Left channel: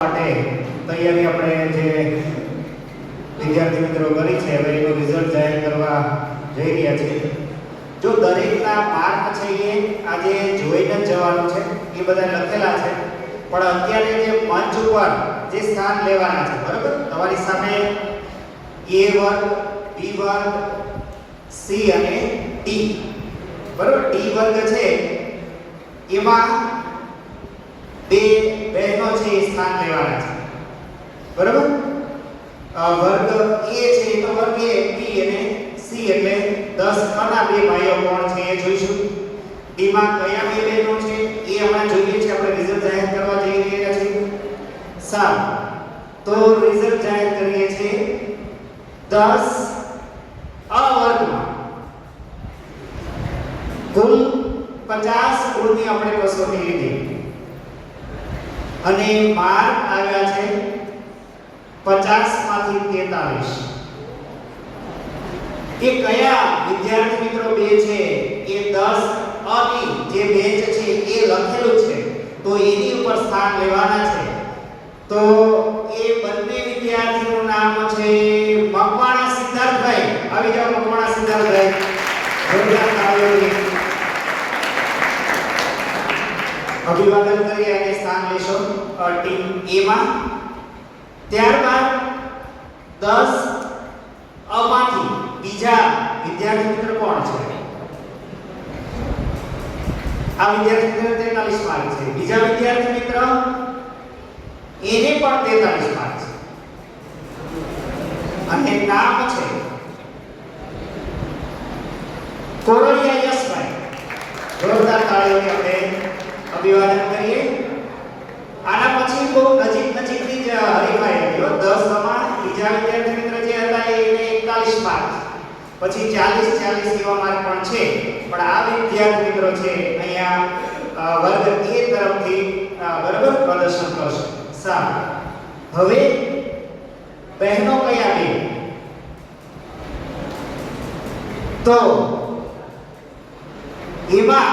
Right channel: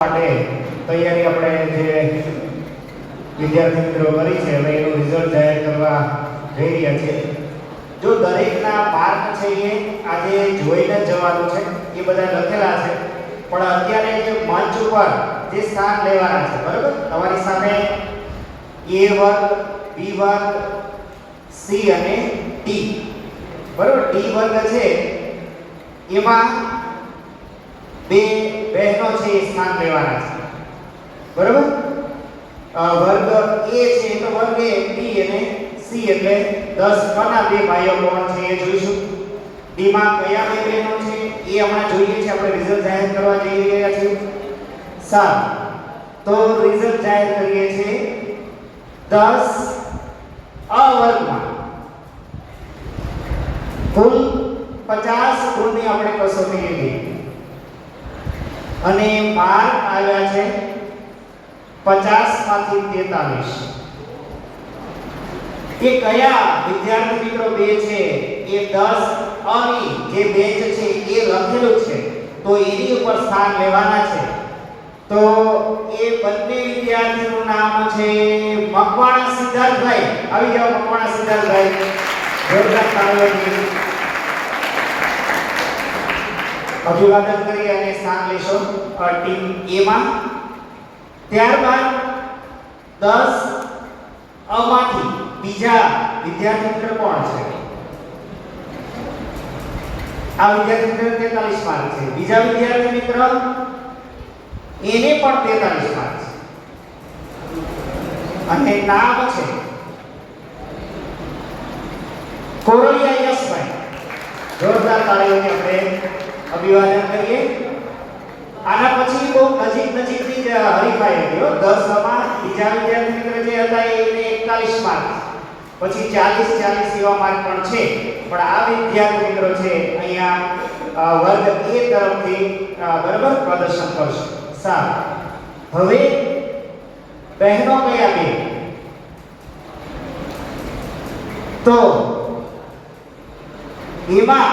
માટે તૈયારી આપણે જે વિદ્યાર્થી મિત્રો કરી છે હવે એનું રિઝલ્ટ જાહેર કરવા જઈ રહ્યા છીએ. જો દરેકના માર્ક છે એ આજે જોઈને જ જવાનું છે, એ બધા લખેલા છે, પણ અત્યારે જે મંચ ઉપર જે સ્થાન લેવાના છે, બરાબર, તમારી સામે A વર્ગ, B વર્ગ, C અને D, બરાબર. D વર્ગ છે એમાં બે બહેનો છે એ સ્થાન લેવાના છે, બરાબર. વર્ગ A છે તો વર્ગ A, B અને C એટલે 10 કના બે ભાઈઓ કોણ છે એ જોઈશું. D માં કયા બે બહેનો છે એ હમણાં જોઈએ છે, આપણે રિઝલ્ટ જાહેર કરવા જઈ રહ્યા છીએ. સારું, તો રિઝલ્ટ જાહેર કરીએ છીએ 10 અ વર્ગમાં કુલ 50 ગુણની આપણે કસોટી લીધી અને માર્ક આવ્યા છે 50 માંથી 43. એ કયા વિદ્યાર્થી મિત્રો બે છે એ 10 અની જે બેચ છે એ લખેલું છે તો એની ઉપર સ્થાન લેવાના છે. તો એ બંને વિદ્યાર્થીનું નામ છે મકવાણા સિદ્ધાર્થભાઈ. આવી જાઓ મકવાણા સિદ્ધાર્થભાઈ, જોરદાર તાળીઓથી અભિવાદન કરી અને સ્થાન લેશો ટીમ A માં. ત્યારબાદ 10 અમાંથી બીજા વિદ્યાર્થી મિત્ર કોણ છે? આ વિદ્યાર્થી મિત્ર 43 માર્ક છે. બીજા વિદ્યાર્થી મિત્ર એને પણ 43 માર્ક છે અને નામ છે કોરલિયા યશભાઈ. જોરદાર તાળીઓથી આપણે અભિવાદન કરીએ. આના પછી બહુ નજીકથી જ હરીફાઈ હતી. 10 માં બીજા વિદ્યાર્થી મિત્ર જે હતા એને 41 માર્ક, પછી 40 એવા માર્ક પણ છે. પણ આ વિદ્યાર્થી મિત્રો છે અહીંયા વર્ગ A તરફથી બરાબર પ્રદર્શન કરશે. સારું, હવે બહેનો કયા બે? તો એમાં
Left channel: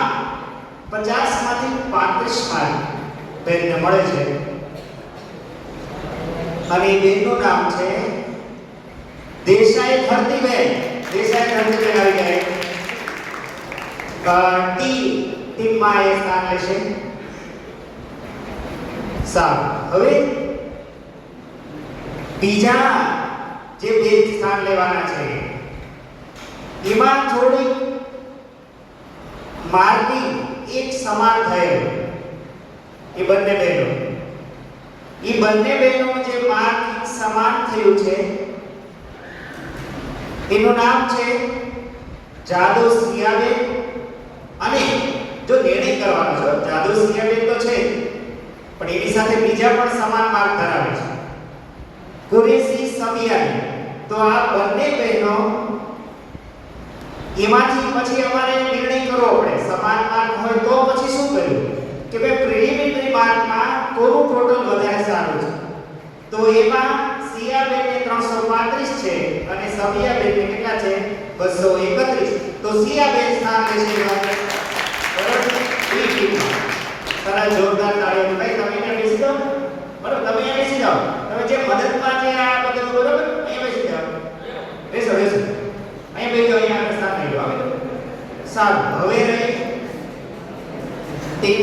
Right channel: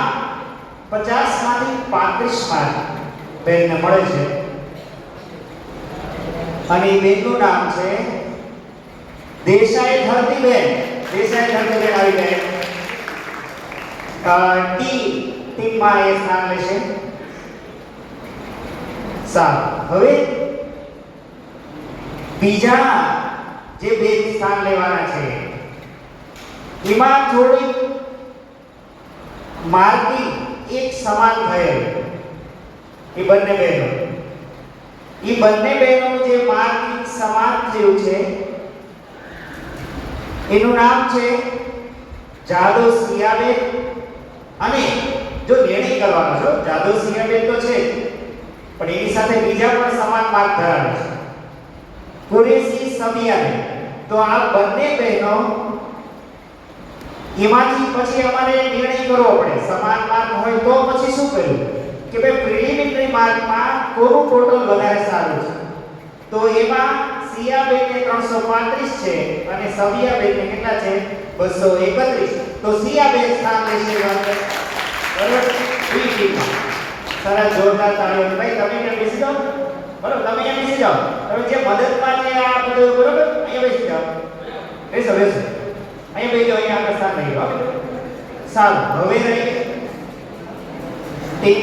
50 માંથી 35 માર્ક બેનને મળે છે અને બેનનું નામ છે દેસાઈ ધરતીબેન. દેસાઈ ધરતીબેન આવી ગયા. ટીમમાં એ સ્થાન લેશે. સારું, હવે બીજા જે બે સ્થાન લેવાના છે એમાં થોડી માર્કિંગ એક સમાન થયેલ. એ બંને બહેનો જે માર્કિંગ સમાન થયું છે એનું નામ છે જાદવ સિયાબેન. અને જો નિર્ણય કરવાનો છો, જાદવ સિયાબેન તો છે પણ એની સાથે બીજા પણ સમાન માર્ક ધરાવે છે, કુરેશી સમિયાબેન. તો આ બંને બહેનો એમાંથી પછી અમારે નિર્ણય કરવો પડે. સમાન માર્ક હોય તો પછી શું કર્યું કે ભાઈ પ્રિલિમિનરી માર્કમાં કોનું ટોટલ વધારે સારું છે? તો એમાં સિયાબેનને 335 છે અને સમિયાબેનને કેટલા છે? 231. તો સિયાબેન સ્થાન લેશે બરાબર બી ટીમમાં. સરસ, જોરદાર તાળીઓ. ભાઈ તમે અહીંયા બેસી જાઓ, બરાબર, તમે અહીંયા બેસી જાઓ. તમે જે મદદમાં છે આ બધું બરાબર અહીંયા બેસી જાઓ. બેસો અહીંયા બેસી જાઓ. અહીંયા આપણે સ્થાન લઈ લો. સારું, હવે રહી ટીમ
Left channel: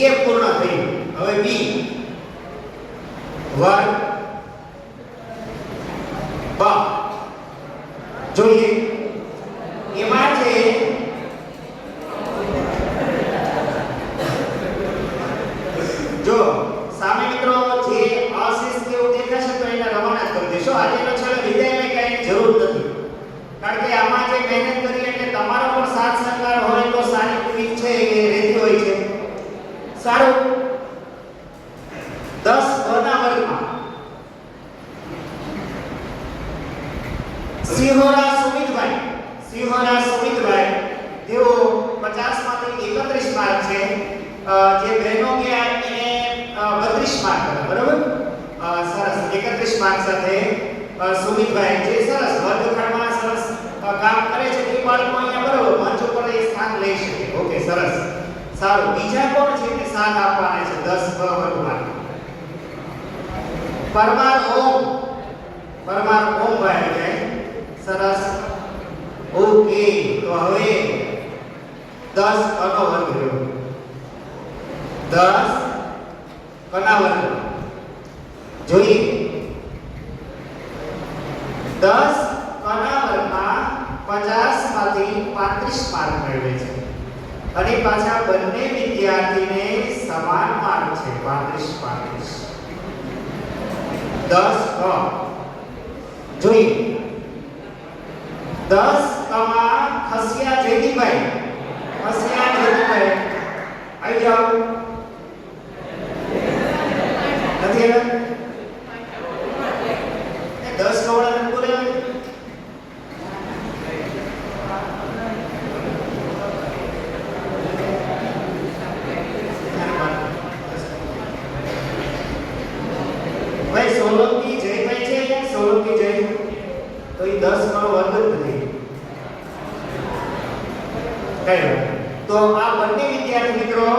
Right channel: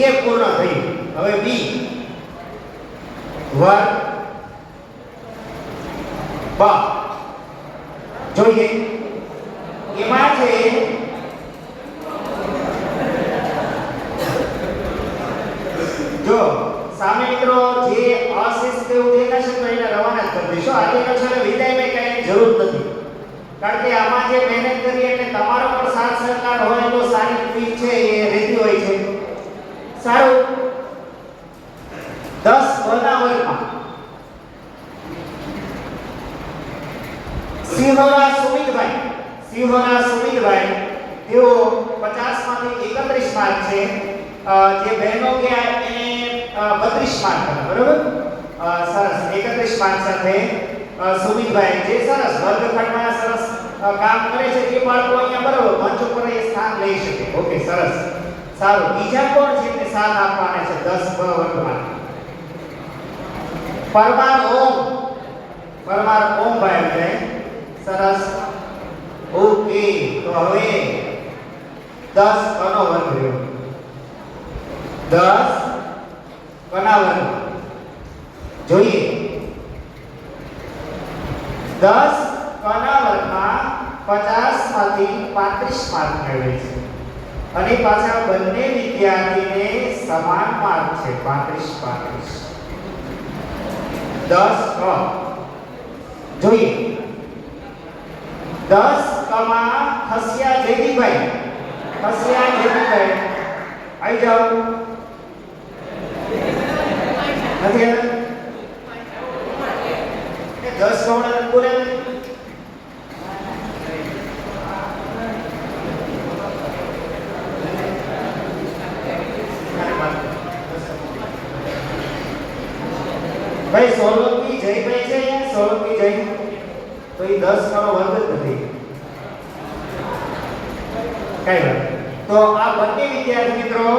A પૂર્ણ થઈ. હવે B વર્ગ બ જોઈએ. એમાં છે જો સામે મિત્રો જે અશિસ્ત દેખાશે તો એને રવાના જ કરી દેશો. આજે છેલ્લે વિદાયમાં કઈ જરૂર નથી, કારણ કે આમાં જે મહેનત કરી એટલે તમારો પણ સાથ સહકાર હોય તો સારી ફીસ છે એ રહેતી હોય છે. સારું, 10 ના વર્ગમાં સિંહોરા સુમિતભાઈ તેઓ 50 માંથી 31 માર્ક છે. જે બહેનો ગયા એને 32 માર્ક હતા, બરાબર. સરસ, 31 માર્ક સાથે સુમિતભાઈ જે સરસ વર્ગખંડમાં સરસ કામ કરે છે તે બાળકો અહીંયા બરાબર મંચ ઉપર એ સ્થાન લઈ શકે. ઓકે, સરસ. સારું, બીજા કોણ છે કે સાથ આપવાના છે 10 વર્ગમાં? પરમાર ઓમ ભાઈ છે. સરસ. ઓકે, તો હવે 10 કનો વર્ગ રહ્યો. 10 કના વર્ગ જોઈએ. 10 કના વર્ગમાં 50 માંથી 35 માર્ક મેળવે છે અને પાછા બંને વિદ્યાર્થીને સમાન માર્ક છે 35 10 ક જોઈએ. 10 કમાં ખસિયા જયદીપભાઈ આવી જાઓ. નથી આવ્યા 10 કવાળાને બોલે ભાઈ. સોલંકી જયભાઈ છે, સોલંકી જય, તો એ 10 નો વર્ગ જ નથી. કઈ તો આ બંને વિદ્યાર્થી મિત્રો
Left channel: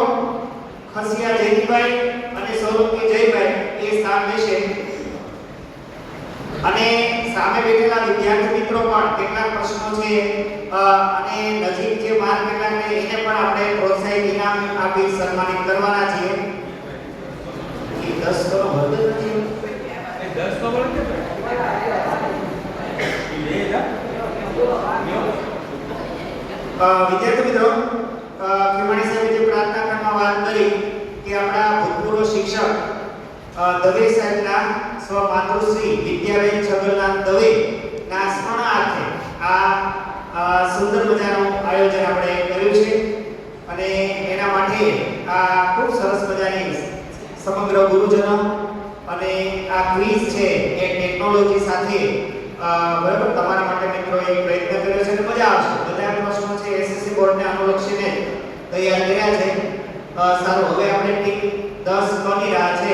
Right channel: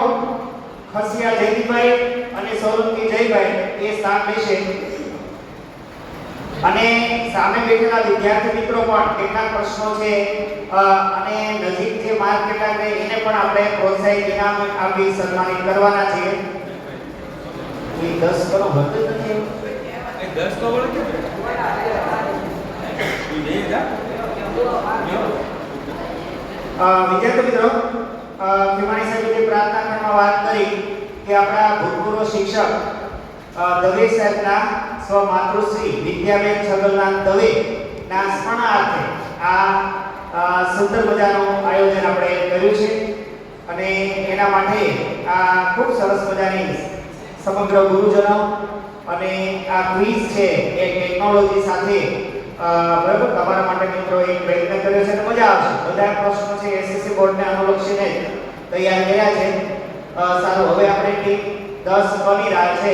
ખસિયા જયદીપભાઈ અને સોલંકી જયભાઈ એ સ્થાન લેશે અને સામે બેઠેલા વિદ્યાર્થી મિત્રો પણ કેટલા પ્રશ્નો છે અને નજીક જે માર્ક કેટલા છે એને પણ આપણે પ્રોત્સાહિત ઇનામ આપી સન્માનિત કરવાના છીએ. એ 10 નો વર્ગ નથી. 10 નો વર્ગ વિદ્યાર્થી મિત્રો, ખીમાણી સાહેબે જે પ્રાર્થના ખંડમાં વાત કરી કે આપણા ભૂતપૂર્વ શિક્ષક દવે સાહેબના સ્વમાતૃશ્રી વિદ્યાબેન છગલનાથ દવે ના સ્મરણાર્થે આ સુંદર મજાનું આયોજન આપણે કર્યું છે અને એના માટે આ ખૂબ સરસ મજાની સમગ્ર ગુરુજનો અને આ ક્વિઝ છે એ ટેકનોલોજી સાથે બરાબર તમારા માટે મિત્રો એક પ્રયત્ન કર્યો છે. તો મજા આવશે. બધા પ્રશ્નો છે એસએસસી બોર્ડને અનુલક્ષીને તૈયાર કર્યા છે. સારું, હવે આપણે ટીમ 10 બની રહ્યા છે.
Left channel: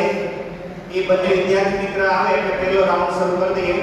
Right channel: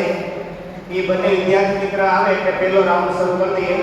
એ બંને વિદ્યાર્થી મિત્ર આવે એટલે પહેલો રાઉન્ડ શરૂ કરી દઈએ.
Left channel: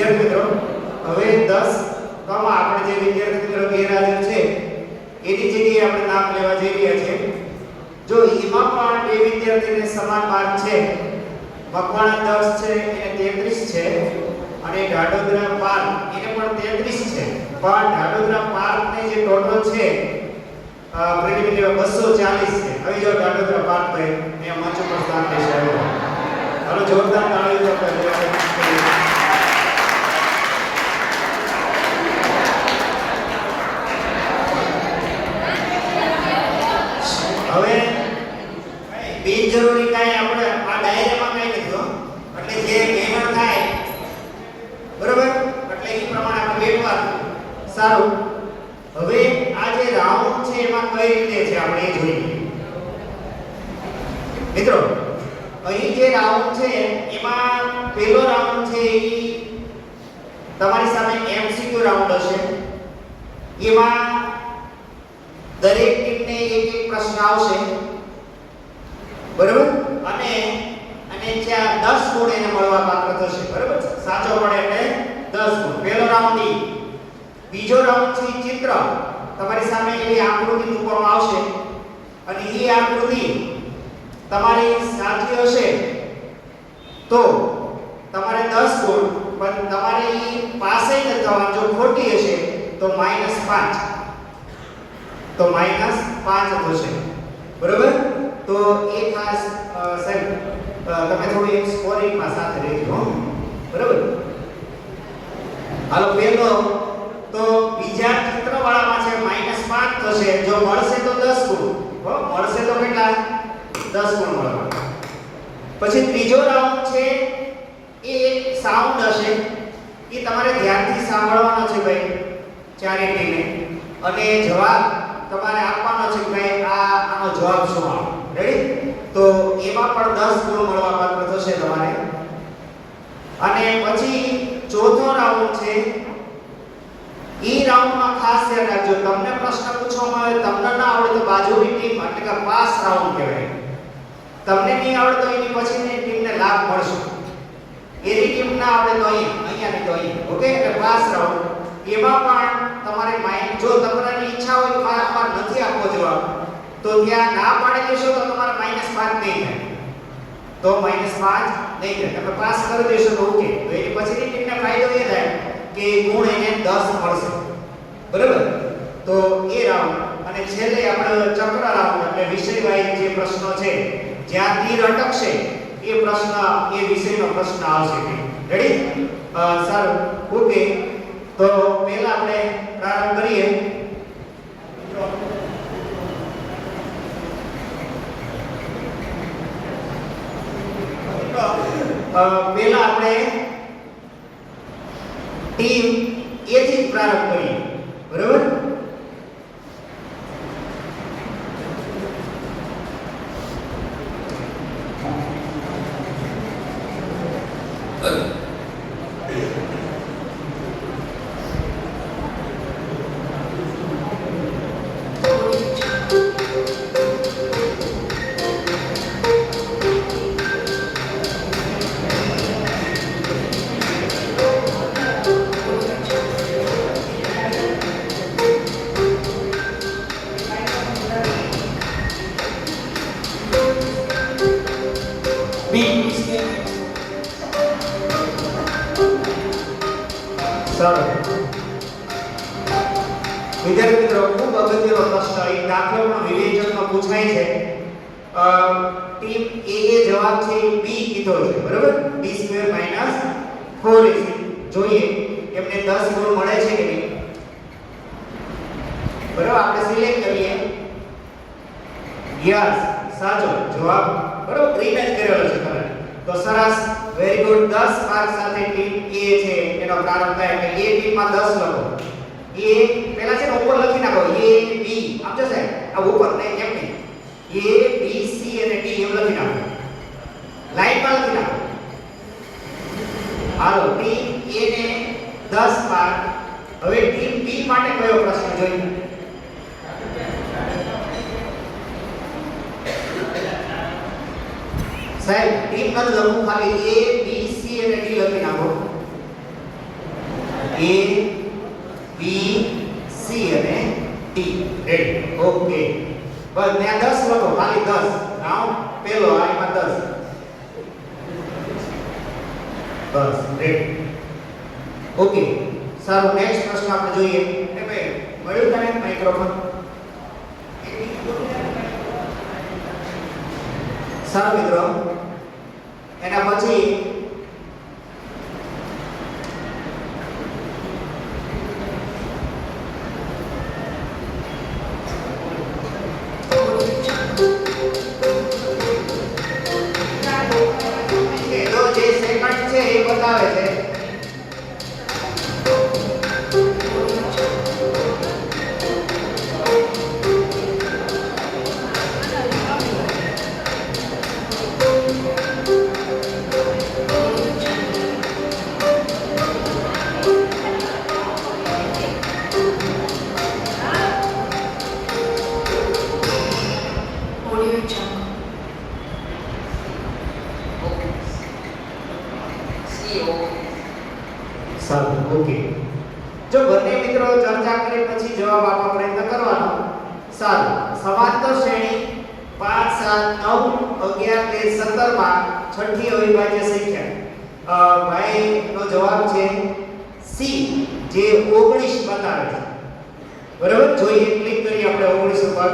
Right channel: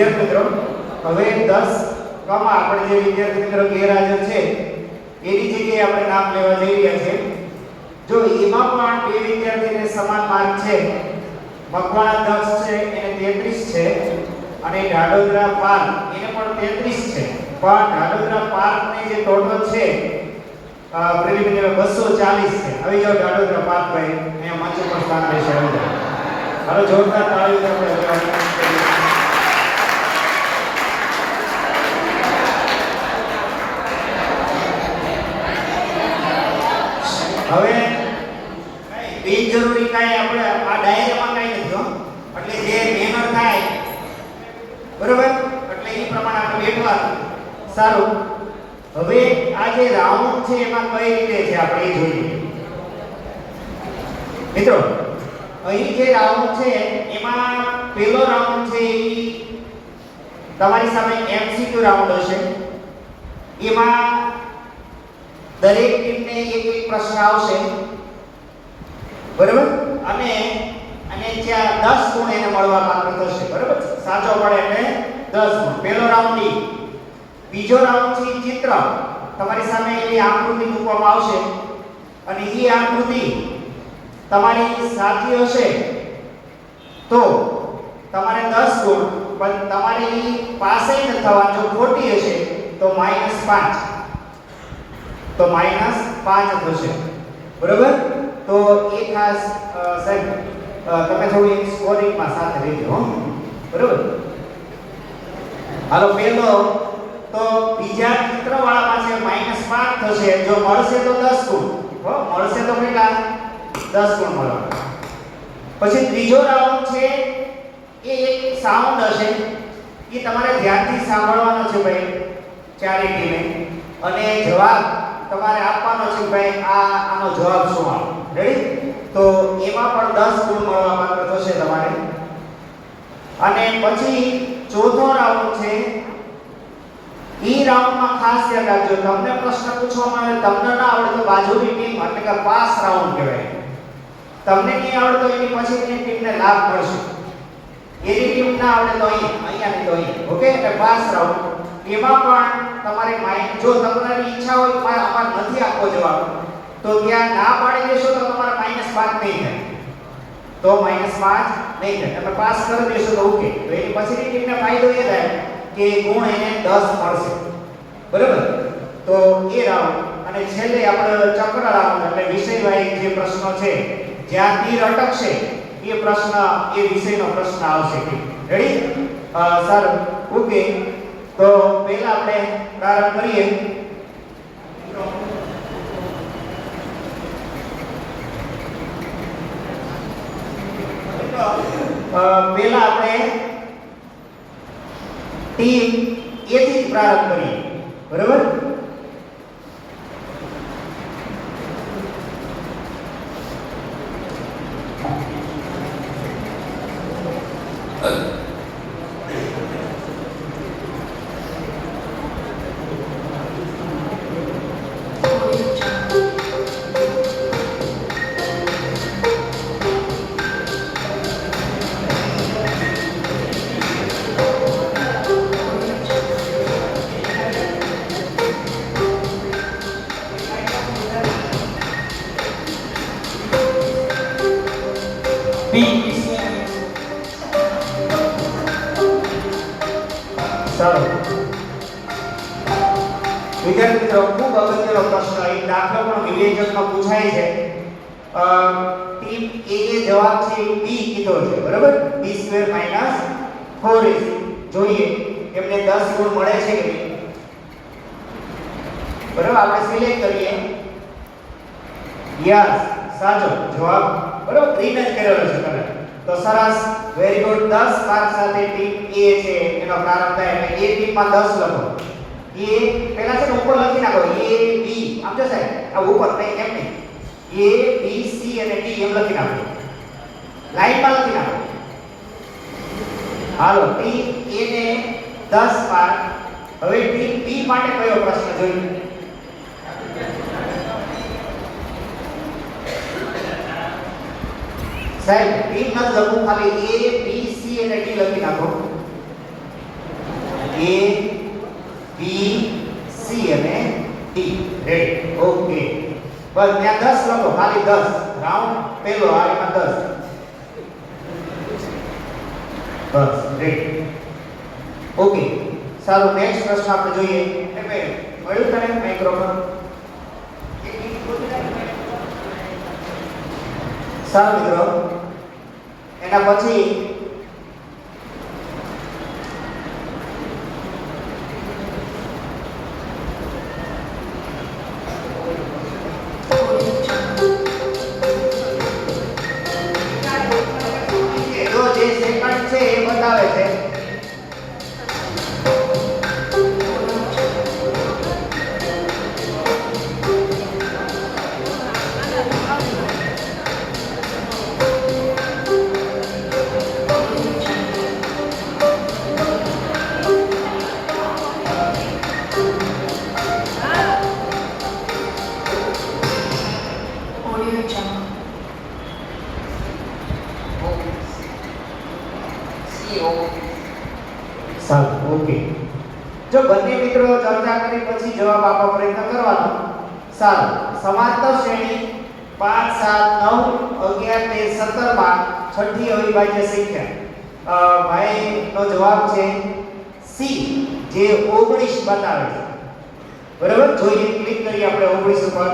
વિદ્યાર્થી મિત્રો હવે 10 કમા આપણે જે વિદ્યાર્થી મિત્રો ગેરહાજર છે એની જગ્યાએ આપણે નામ લેવા જઈ રહ્યા છીએ. જો એમાં પણ બે વિદ્યાર્થીને સમાન માર્ક છે. મકવાણા 10 છે એને 33 છે અને ઢાઢોદરા 5 એને પણ 33 છે. પણ ઢાઢોદરા 5 ને જે ટોટલ છે પ્રિલિમિનરી 240 છે. હવે જો ઢાઢોદરા 5 ભાઈ અહીંયા મંચ ઉપર સ્થાન લેશે. હાલો જોરદાર તાળીઓ આપણે હવે બિનજરૂરી કાંઈ આપણે આ ડાયરીમાં કાંઈ નથી હો. એટલે જે એમાં થાય બરોબર એટલે એ પ્રમાણે આપણે બેઠવાનું. સારું હવે આ જે રાઉન્ડ છે એમાં કઈ રીતે છે આપણે એ જોઈએ. મિત્રો અહીં જે રાઉન્ડ છે એમાં પહેલો રાઉન્ડ છે એ તમારી સામે એમસીક્યુ રાઉન્ડ હશે. એમાં દરેક ટીમને એક એક પ્રશ્ન આવશે બરાબર અને ત્યાં 10 ગુણ એને મળવા પાત્ર થશે બરાબર. સાચો પડે એટલે 10 ગુણ. પહેલો રાઉન્ડ ઈ. બીજો રાઉન્ડ છે ચિત્ર. તમારી સામે એવી આકૃતિ મૂકવામાં આવશે અને ઈ આકૃતિ તમારી સાચી હશે તો તમારે 10 ગુણ, પણ તમારી પાસે ન થવા જો ખોટી હશે તો -5 તો -5 થશે બરોબર. તો એ ખાસ સાહેબ તમે થોડી એક સ્કોરિંગમાં સાથે રહેજો બરોબર. હાલો પહેલો તો બીજા ચિત્રવાળામાં છે -5 થશે. જો મળશે તો 10 ગુણ મળશે તો કેટલા 10 ગુણ મળશે. પછી ત્રીજો રાઉન્ડ છે એ એક સાઉન્ડ હશે. એ તમારે ધ્યાનથી સાંભળવાનો છે ભાઈ ચારે ટીમે અને જવાબ તમારે આપવાનો છે ભાઈ આનો જવાબ શું આવે. રેડી? તો એમાં પણ 10 ગુણ મળવા પાત્ર થશે તમારે. અને પછી ચોથો રાઉન્ડ છે. ઈ રાઉન્ડમાં ખાસ ધ્યાન રાખજો તમને પ્રશ્ન પૂછવામાં આવે તમને ના આવડે તો બાજુની ટીમ એટલે કે પાસ રાઉન્ડ કહેવાય. તમને નહીં આવડે તો એની પછીની ટીમને લાભ મળશે. એની ટીમ ના આવડે તો અહીંયા નહીં તો અહીંયા. ઓકે એટલે પાસ રાઉન્ડ. એમાં પણ તમારે જો તમારી ઈચ્છા હોય કે અમારે નથી આપવો જવાબ તો ત્યાં ના પાડી દેશો તો તમારે -5 નહીં થાય. તો -5 નહીં થાય. તમે પાસ કરી દેશો તો ઓકે. તો એની પછીની ટીમને ફાયદો એ થાય કે ગુણ એને 10 મળશે બરાબર. તો એ રાઉન્ડ અને છેલ્લે આપણે ચક્ર રાઉન્ડ એટલે વિષયવાળી જે પ્રશ્નો છે જ્યાં તીર અટકશે એ પ્રશ્ન એ વિષયનો પ્રશ્ન આવશે. રેડી? સારું ઓકે. તો પહેલા આપણે પ્રારંભ કરીએ. પહેલા આપણે ટીમ એ થી પ્રારંભ કરીએ બરાબર. વિદ્યાર્થી મિત્રો ખૂબ અગત્યનો પ્રશ્ન એ દાખલો પણ વિવેચનમાં પૂછાય છે. ટીમ એ જવાબ છે b કીધો છે બરાબર. b² - 4ac જોઈએ એમને 10 ગુણ મળે છે કે નહીં બરાબર. આપણે સિલેક્ટ કરીએ યસ સાચો જવાબ બરાબર. ગ્રીન જ કરેલો છે તમે તો સરસ વેરી ગુડ. 10 માર્ક સાથે ટીમ A છે એનો પ્રારંભ થાય એટલે A ટીમમાં 10 લખો. A પહેલા છે ઉપર લખી નાખો A B આમ છે સાહેબ આ ઉપર નહીં એમ નહીં A B C અને D એમ લખી નાખો. લાઈનમાં લખી નાખો. હાલો ટીમ A ને 10 માર્ક. હવે ટીમ B માટે કયો પ્રશ્ન જોઈએ? સાહેબ ટીમ ન લખો ખાલી A B C અને D લખી નાખો. A B C અને D. રેડી. ઓકે. બસ ત્યાં 10 લખો, ખાલી 10. રાઉન્ડ પહેલો આ એમાં 10. બસ રેડી. ઓકે. સારું, નેક્સ્ટ પ્રશ્ન આપણે જોઈએ. એટલે મળ્યું તને માઈક્રોફોન? સારું મિત્રો, એના પછી જે સેકન્ડ છે એ બતાવે છે. સારું, ઓકે. જો બંને મિત્રો ચર્ચા કરી પછી જવાબ આપવા પ્રયત્ન કરવાનો. સારું, સમાંતર શ્રેણી 5 7 9 11 13 17 માં છઠ્ઠી અવિભાજ્ય સંખ્યા ભાઈનો જવાબ છે સી, જે 19 બતાવે છે. બરાબર, જોઈએ, ક્લિક કરીએ આપણે 19 ઉપર.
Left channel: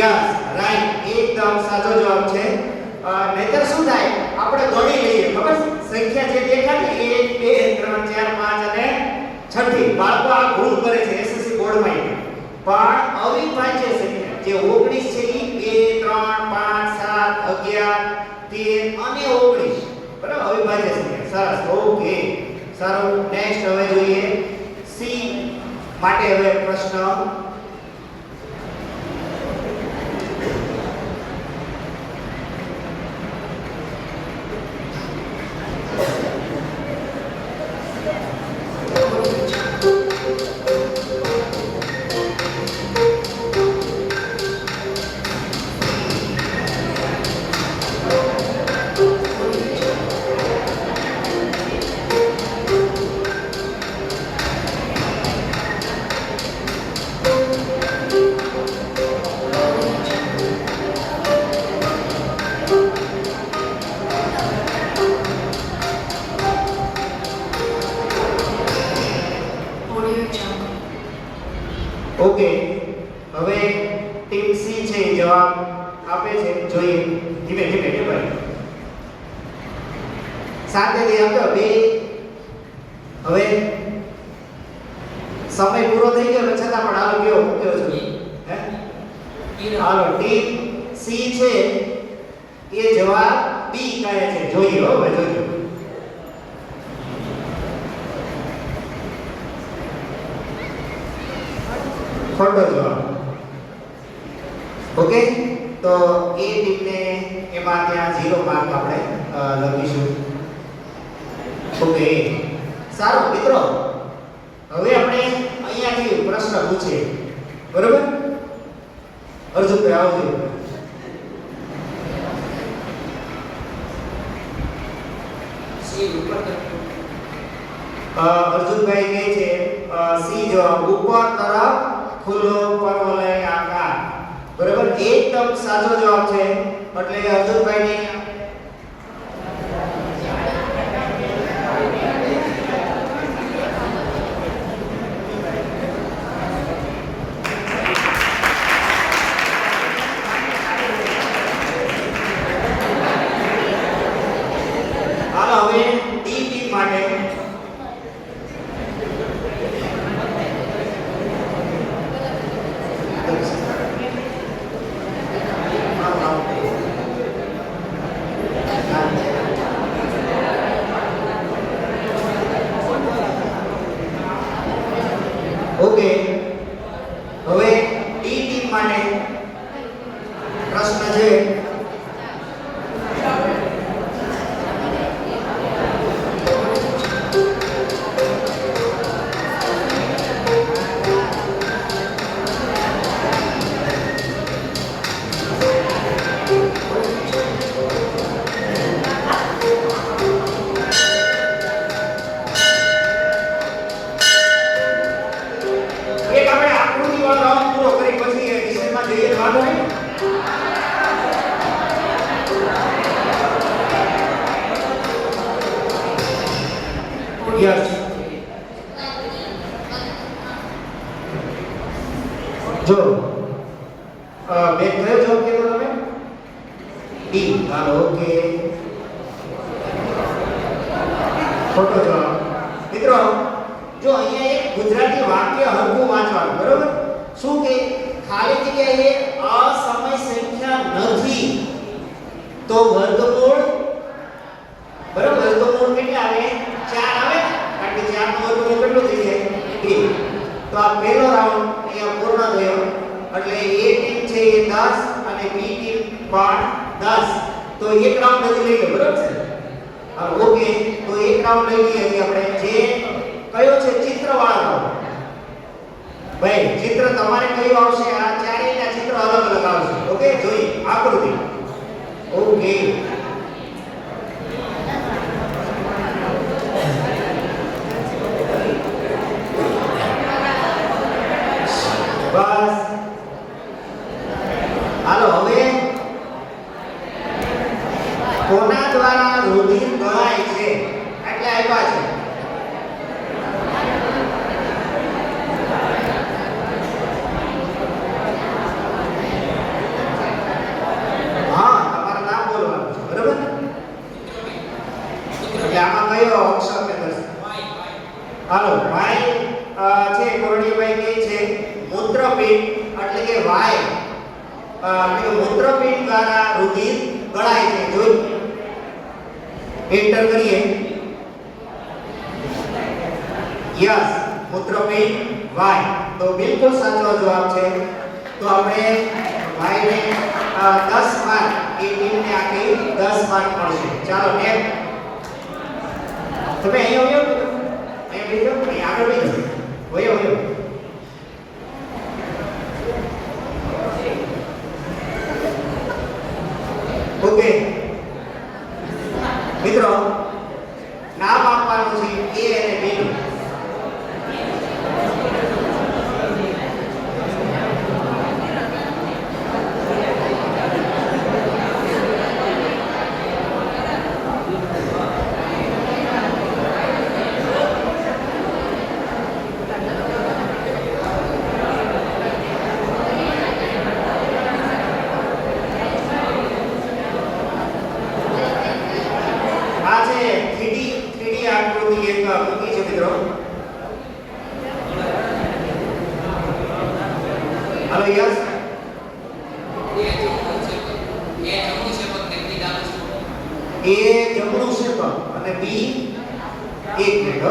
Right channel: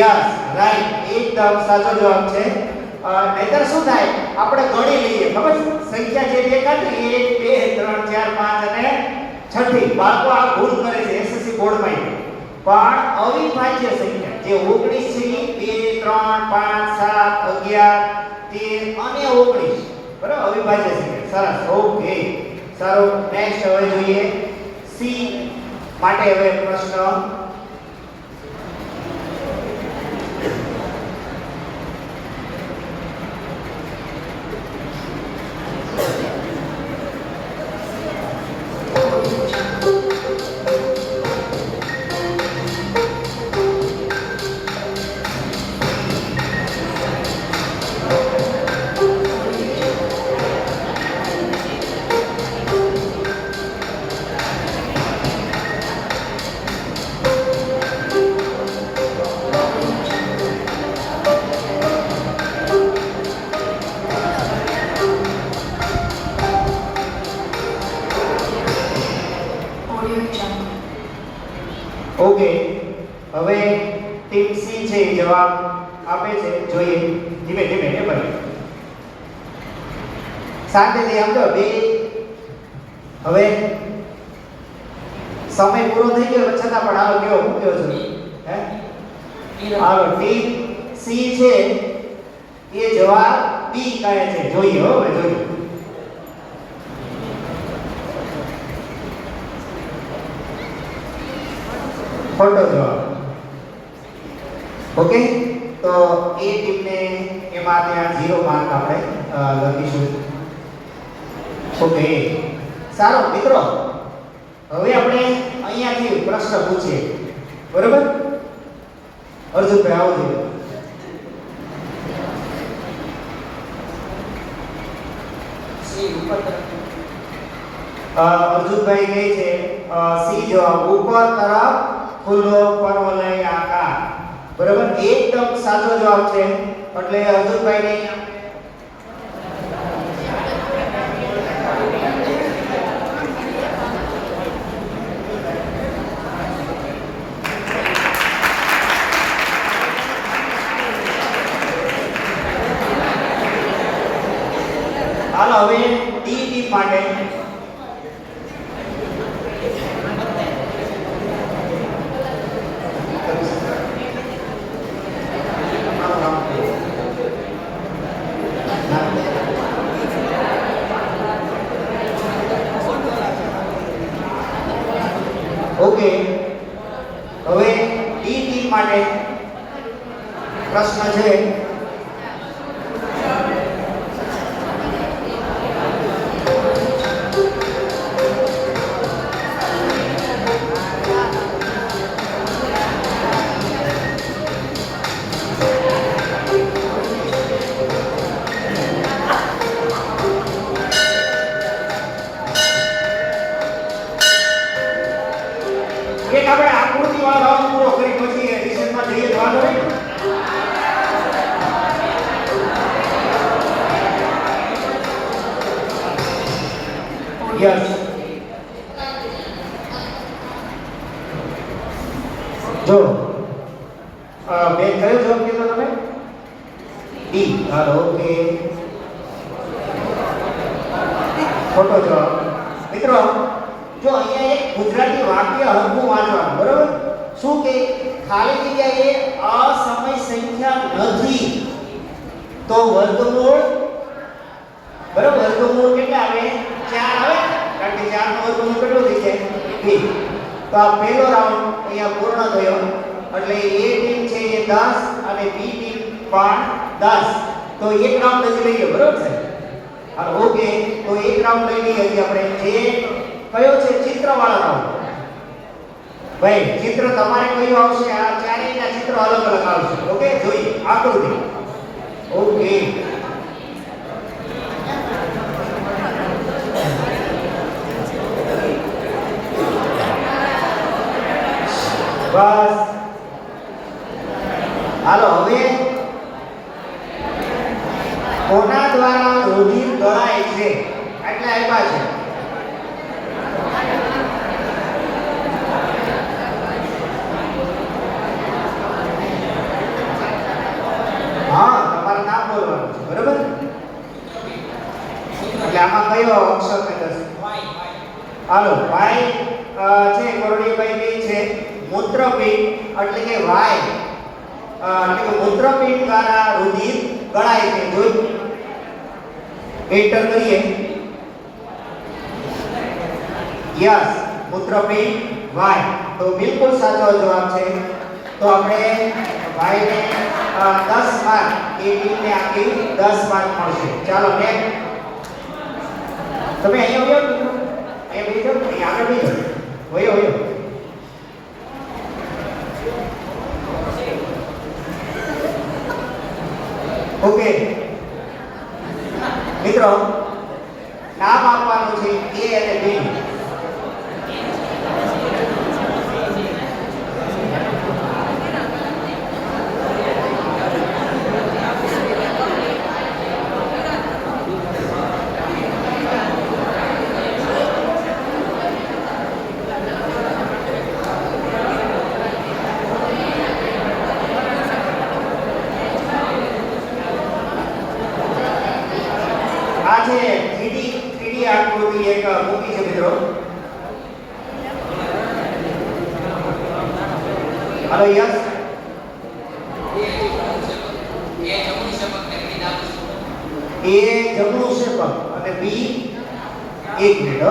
યસ, રાઈટ, એકદમ સાચો જવાબ છે. નહીતર શું થાય, આપણે ગણી લઈએ, ખબર છે? સંખ્યા જે દેખાતી 1 2 3 4 5 અને છઠ્ઠી. બાળકો આ ભૂલ કરે છે એસએસસી બોર્ડમાં. પણ અવિભાજ્ય સંખ્યા જે 19 છે એ 2 3 5 7 11 13 અને 19. બરાબર, અવિભાજ્ય સંખ્યા. સરસ, ઓકે. સારું, નેક્સ્ટ હવે જોઈએ સી માટે. હવે પ્રશ્ન ઓકે. હવે ટીમ સી છે એ જવાબ આપે છે. જોઈએ, ધીમે ધીમે ને ભાઈ, શાંતિથી સમજો બે. હવે સમય પૂરો થઈ ગયો છતાં પણ હાલો કેવો મૂક્યો છે હે. હાલો, ટીમ સી છે એ જવાબ બી કહે છે. જોઈએ હો ભાઈ, જોઈએ. ખોટો જવાબ. ઓકે, તો એ ટીમને એમાં ત્યાં 0 માર્ક આપણે લખીશું. ઓકે, સારું મિત્રો, હવે આપણે અહીંયાથી પ્રશ્ન પૂછીએ. બરોબર, અર્જુનભાઈ આવજો. અર્જુનભાઈ કહે છે સી જવાબ, ઉપર તરફ ખુલ્લો પરવલય આકાર. બરાબર, એકદમ સાચો જવાબ છે. એટલે અર્જુનભાઈ ને હાલો હવે ડી ટીમ માટે ઓકે. હવે ડી ટીમ માટે પ્રશ્ન છે. જો બેન કયો જવાબ કીધો તમે? ડી. હાલો, ઓકે. ખોટો જવાબ. મિત્રો જો અહીંયા એક ગુજરાતી વાક્ય હરખું વાંચવાનું, બરોબર? શું કે ખાલી જગ્યાએ અસમય સંખ્યા નથી તો વર્ગમૂળ, બરાબર, વર્ગમૂળ કેટલા આવે? 4 આવે, કારણ કે 4 નું વર્ગમૂળ કેટલું થઈ જાય? 2. તો આ પહેલો રાઉન્ડ અહીંયા પૂર્ણ થયો. એટલે A ટીમ છે એ 10 અને B ટીમ પણ 10. તો એક રાઉન્ડ હજી લઈએ, બરોબર છે? હા, ઓકે. તો એક રાઉન્ડ લઈ લઈએ હજી આપણે. જે કયો છે? ચિત્રવાળા રાઉન્ડ. ભાઈ ચિત્ર તમારે કયું આવશે? આ ચારેયના ચિત્ર અલગ અલગ આવશે. ઓકે, જોઈએ આકૃતિ. ઓકે, બસ. હાલો, હવે કોના દ્વારા રુધિર દળાય છે? એટલે આપ્યા છે. હા, તમારું નામ બોલવાનું છે, બરાબર? એટલે આમાં કયો અક્ષર ને દર્શાવે? હાલો, ભાઈ છે કરોડીભાઈ કે છે મૂત્રપિંડ, એટલે કે વાય, એટલે કે મૂત્રપિંડ દ્વારા રુધિર ગળાય છે. જોઈ એન્ટર કરીએ. યસ, મૂત્રપિંડ વાય. તો બિલકુલ સાચો જવાબ છે. તો આપણે વાયને 10 માર્ક, એ ટીમને આપી 10 માર્ક મળશે. ચાલો નેક્સ્ટ. તમે અહીંયા આવ્યો? એ બીજો અહીં આગળ બીજો વયો વયો. ઓકે મિત્રો, નામ આપવાનું છે A અને B. Hello, yes. A જમણું શેપક અને B એક મિનિટ.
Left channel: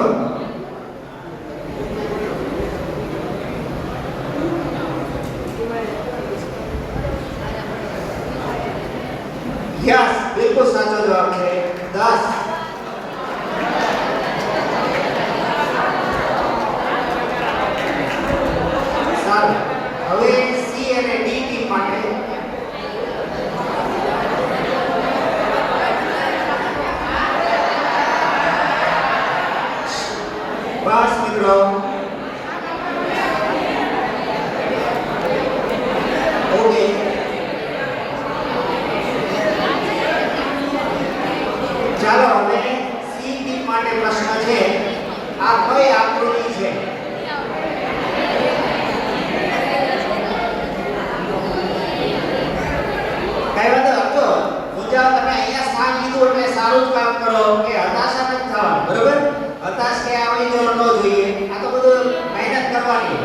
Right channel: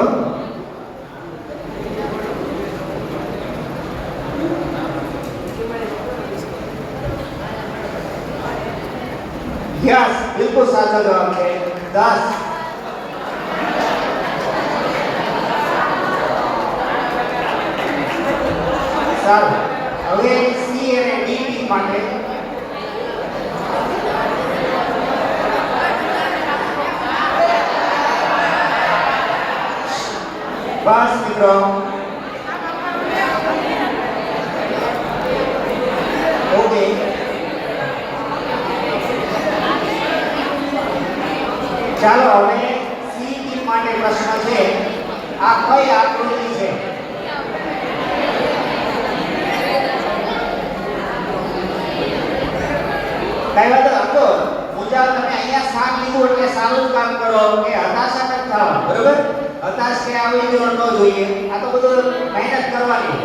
યસ, બિલકુલ સાચો જવાબ છે 10. સારું, હવે C અને D ટીમ માટે બસ મિત્રો. ઓકે, ચાલો હવે C ટીમ માટે પ્રશ્ન છે. આ કઈ આકૃતિ છે? કઈ વાંધો આપતો મુજા, તમે અહીંયા સાથ લીધું એટલે સારું જ કામ કરો કે હતાશા ન થવા, બરોબર? હતાશ કે આવી ગયો ન જોઈએ. આ તો બધું મહેનત કરવાની.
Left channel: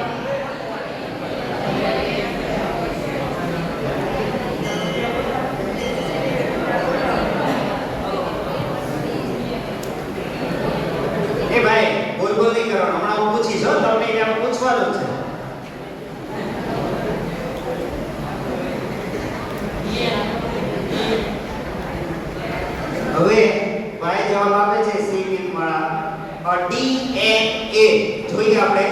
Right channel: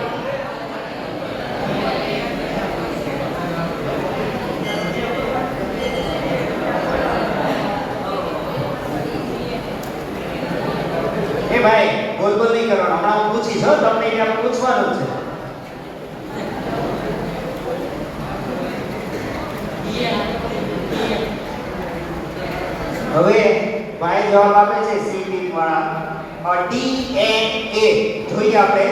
એ ભાઈ બોલ બોલ નહીં કરવાનું. હમણાં હું પૂછીશ હો, તમને એને પૂછવાનું છે. હવે ભાઈ જવાબ આપે છે C ટીમ વાળા DNA. જોઈએ આપણે.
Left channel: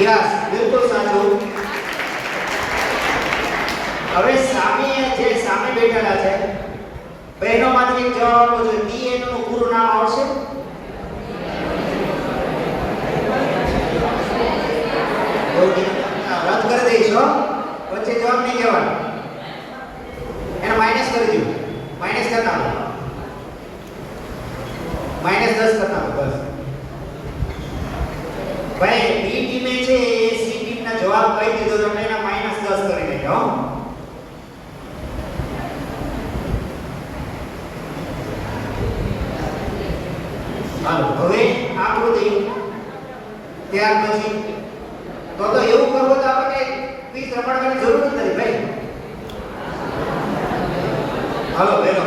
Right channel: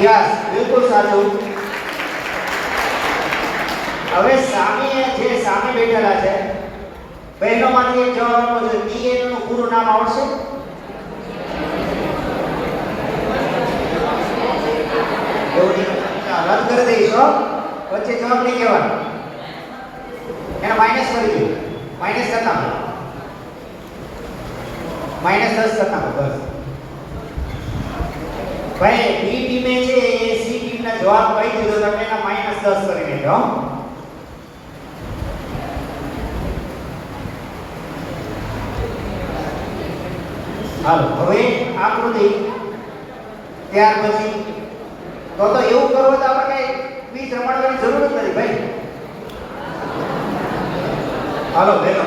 યસ, બિલકુલ સાચું. હવે સામે જે સામે બેઠેલા છે બહેનોમાંથી એક જવાબ આપો છો. DNA નું પૂરું નામ આવશે? ઓકે, રદ કરી દઈશો. વચ્ચે જવાબ નહીં કહેવાનો. એને માઈનસ કરી દો. માઈનસ કરતા હો. -10 કરતા હો. બસ. ભાઈ બી ટીમે છે એ સી ટીમના જવાબ કહી દીધો તો આપણે એના -10 કરી દેજો હો. હાલો હવે આકૃતિ ત્યાર પછી તો એવું કરવું તો આપણે ક્વિઝ રમાડવાની જરૂર જ નથી ભાઈ. હાલો વેલો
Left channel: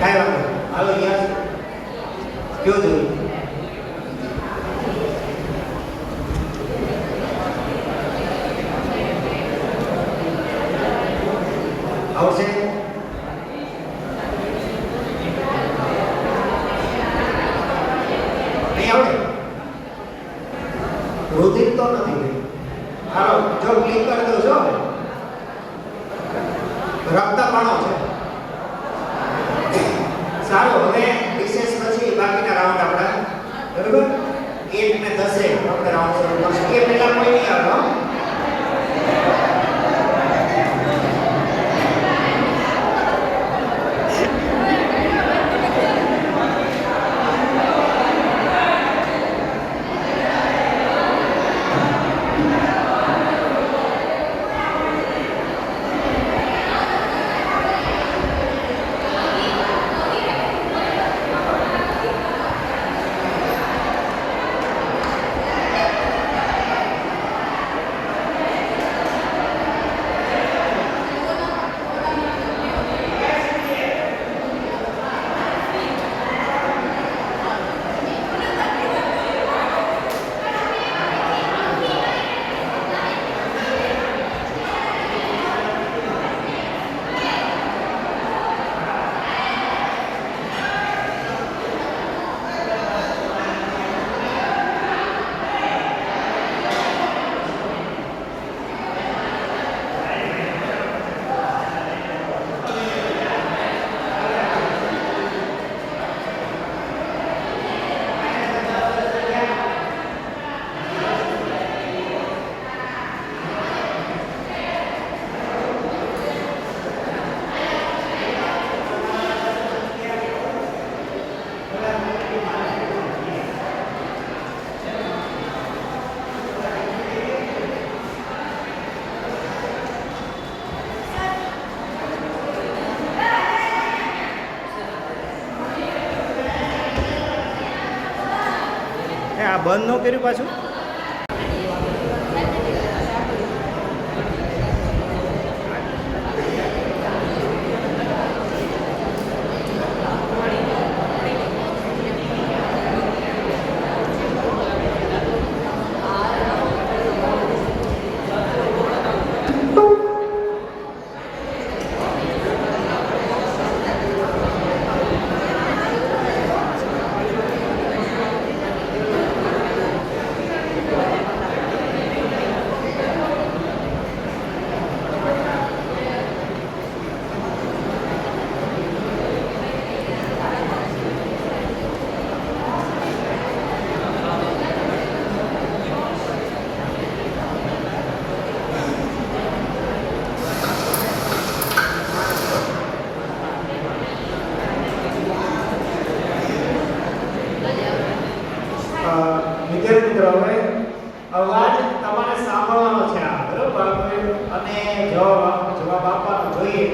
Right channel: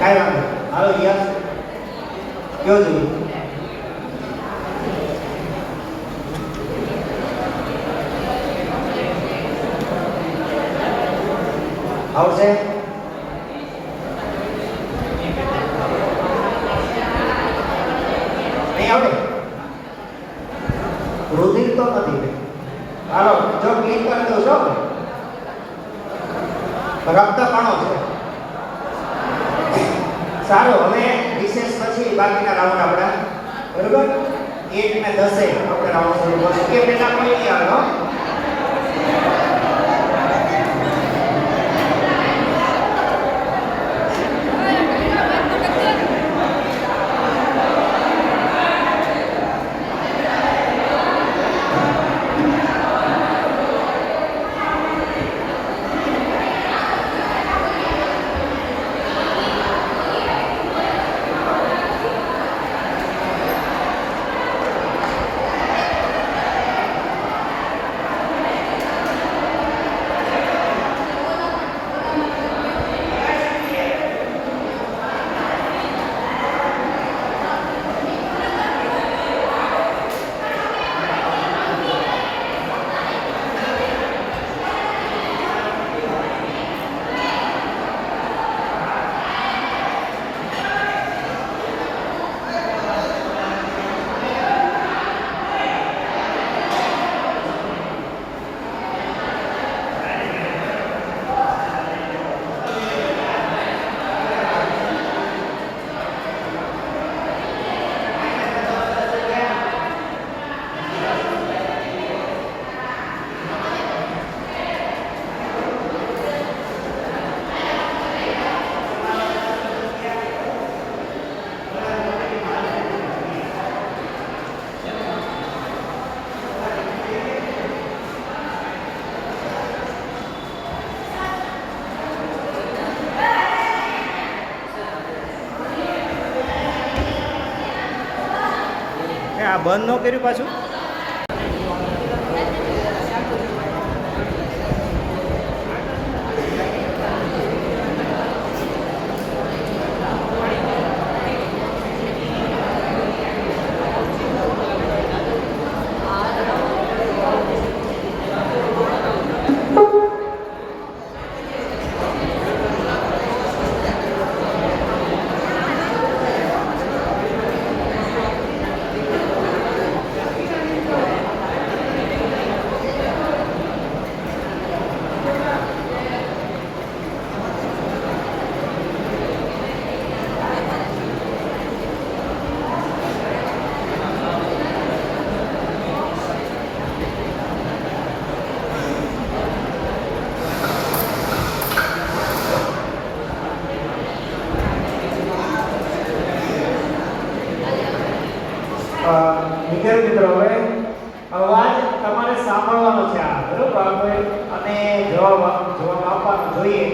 કાંઈ વાંધો નહીં. હાલો યસ કયો જ આવશે નહીં આવડે રુધિર તો નથી. હાલો જો ક્લિક કરી દો છો રક્તકણો છે. સારું હવે રિસેસ પછી બાકીના રાઉન્ડ આપણા બરોબર 1 અને 10 આપણે રાઉન્ડ છે એ પહેલા કોઈ નહીં આવતો. આ બંધ ન કર્યું પાછું. વિદ્યાર્થી મિત્રો હવે અવાજ તમારે સાંભળવાનો છે આ બરોબર અને જવાબ આપવાનો જોઈએ.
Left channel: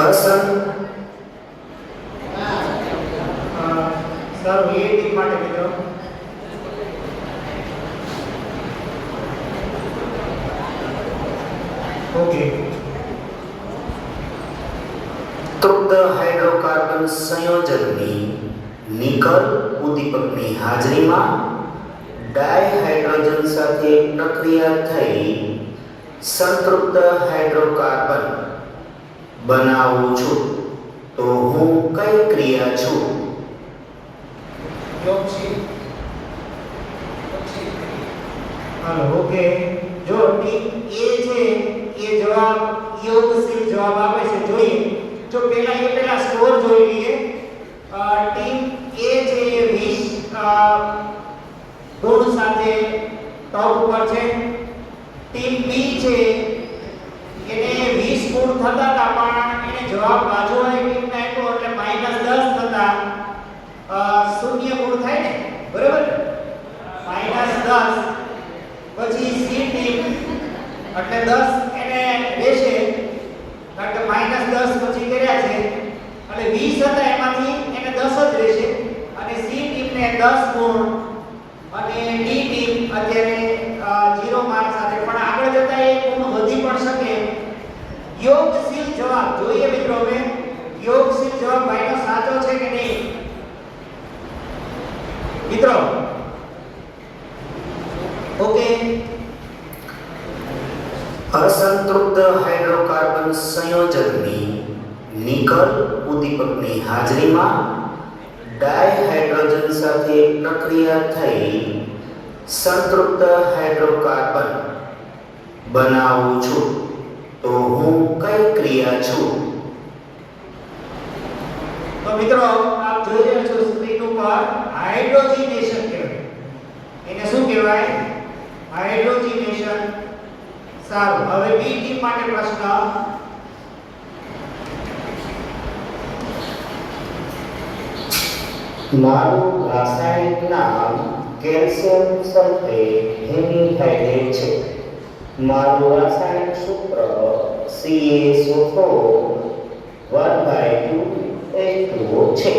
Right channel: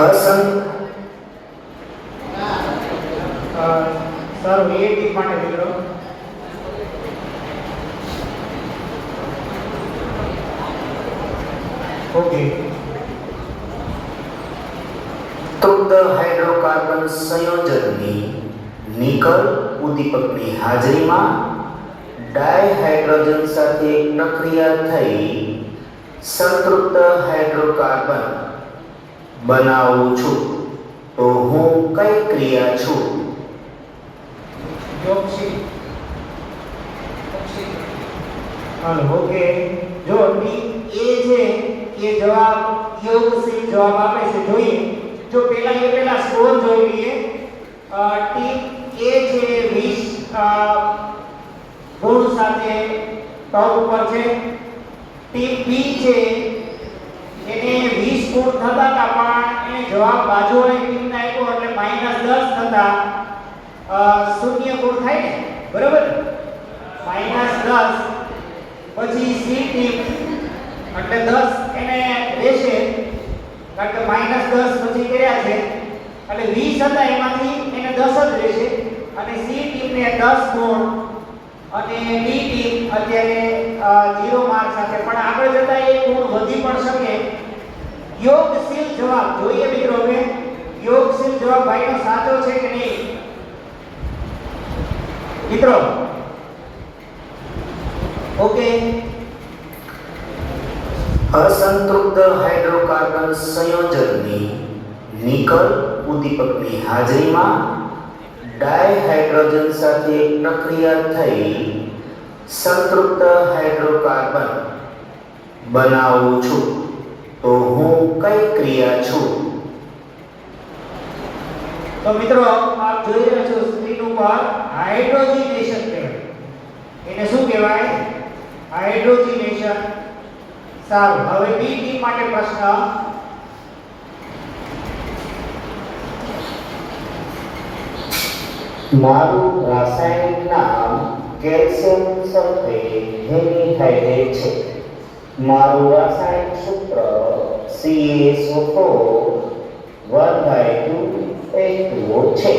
અસંગ સર એ ટીમ માટે મિત્રો ઓકે તૃપ્ત હાઇડ્રોકાર્બન સંયોજનની નિકલ ઉદ્દીપકની હાજરીમાં ડાયહાઇડ્રોજન સાથે પ્રક્રિયા થઈ સંતૃપ્ત હાઇડ્રોકાર્બન બનાવું છું તો હું કઈ ક્રિયા છું? હાલો ઓકે જો ટીમ એ છે એ જવાબ યોગશીલ જવાબ આપે છે જોઈએ જો પેલા સ્કોર જોઈ લઈએ ટીમ એ છે 20 ગુણ સાથે ટોપ ઉપર છે ટીમ બી છે એને 20 ગુણ થતા હતા પણ એને જવાબ બાજુવાળી ટીમને આપ્યો એટલે -10 થતા શૂન્ય ગુણ થાય ને બરાબર -10 પછી સી ટીમ એટલે 10 એને રહેશે કારણ કે -10 પછી કર્યા છે એટલે 20 હતા એમાંથી એને 10 જ રહેશે અને સી ટીમને 10 ગુણ અને ડી ટીમ અત્યારે 0 માર્ક સાથે પણ આગળ જતા એ ગુણ વધી પણ શકે યોગશીલ જવાબ જોઈએ મિત્રો હવે યોગશીલ જવાબ ભાઈનો સાચો છે કે નહીં મિત્રો ઓકે અસંતૃપ્ત હાઇડ્રોકાર્બન સંયોજનની નિકલ ઉદ્દીપકની હાજરીમાં ડાયહાઇડ્રોજન સાથે પ્રક્રિયા થઈ સંતૃપ્ત હાઇડ્રોકાર્બન બનાવું છું તો હું કઈ ક્રિયા છું? તો મિત્રો આપ જોઈ રહ્યા છો સ્ક્રીન ઉપર હાઇડ્રોજનેશન કહેવાય એને શું કહેવાય હાઇડ્રોજનેશન સારું હવે બી ટીમ માટે પ્રશ્ન મારું રાસાયણિક નામ કેલ્શિયમ સલ્ફેટ હેમિહાઇડ્રેટ છે. મારું રાસાયણિક સૂત્ર CaSO4 1/2H2O છે.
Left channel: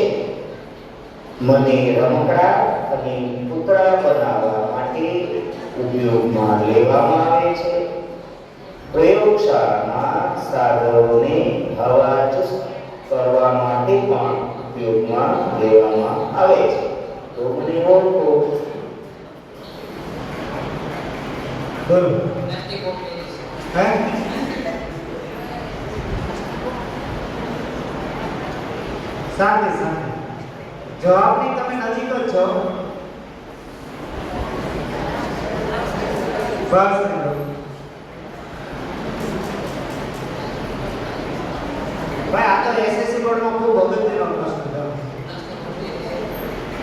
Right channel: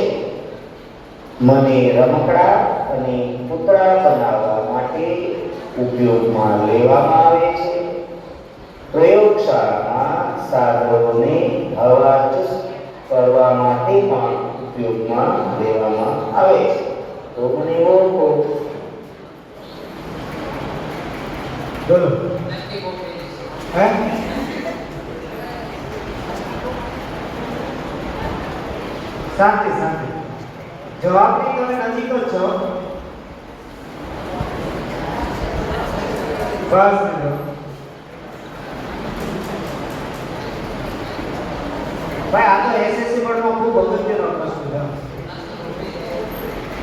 મને રમકડા અને પૂતળા બનાવવા માટે ઉપયોગમાં લેવામાં આવે છે. પ્રયોગશાળામાં સાધનોને હવાચુસ્ત કરવા માટે પણ ઉપયોગમાં લેવામાં આવે છે. તો મને ઓળખો. બોલો હે શાંતિ જવાબની તમે નજીક જ છો બસ ભાઈ આ તો એસએસસી બોર્ડમાં ખૂબ અગત્યનો પ્રશ્ન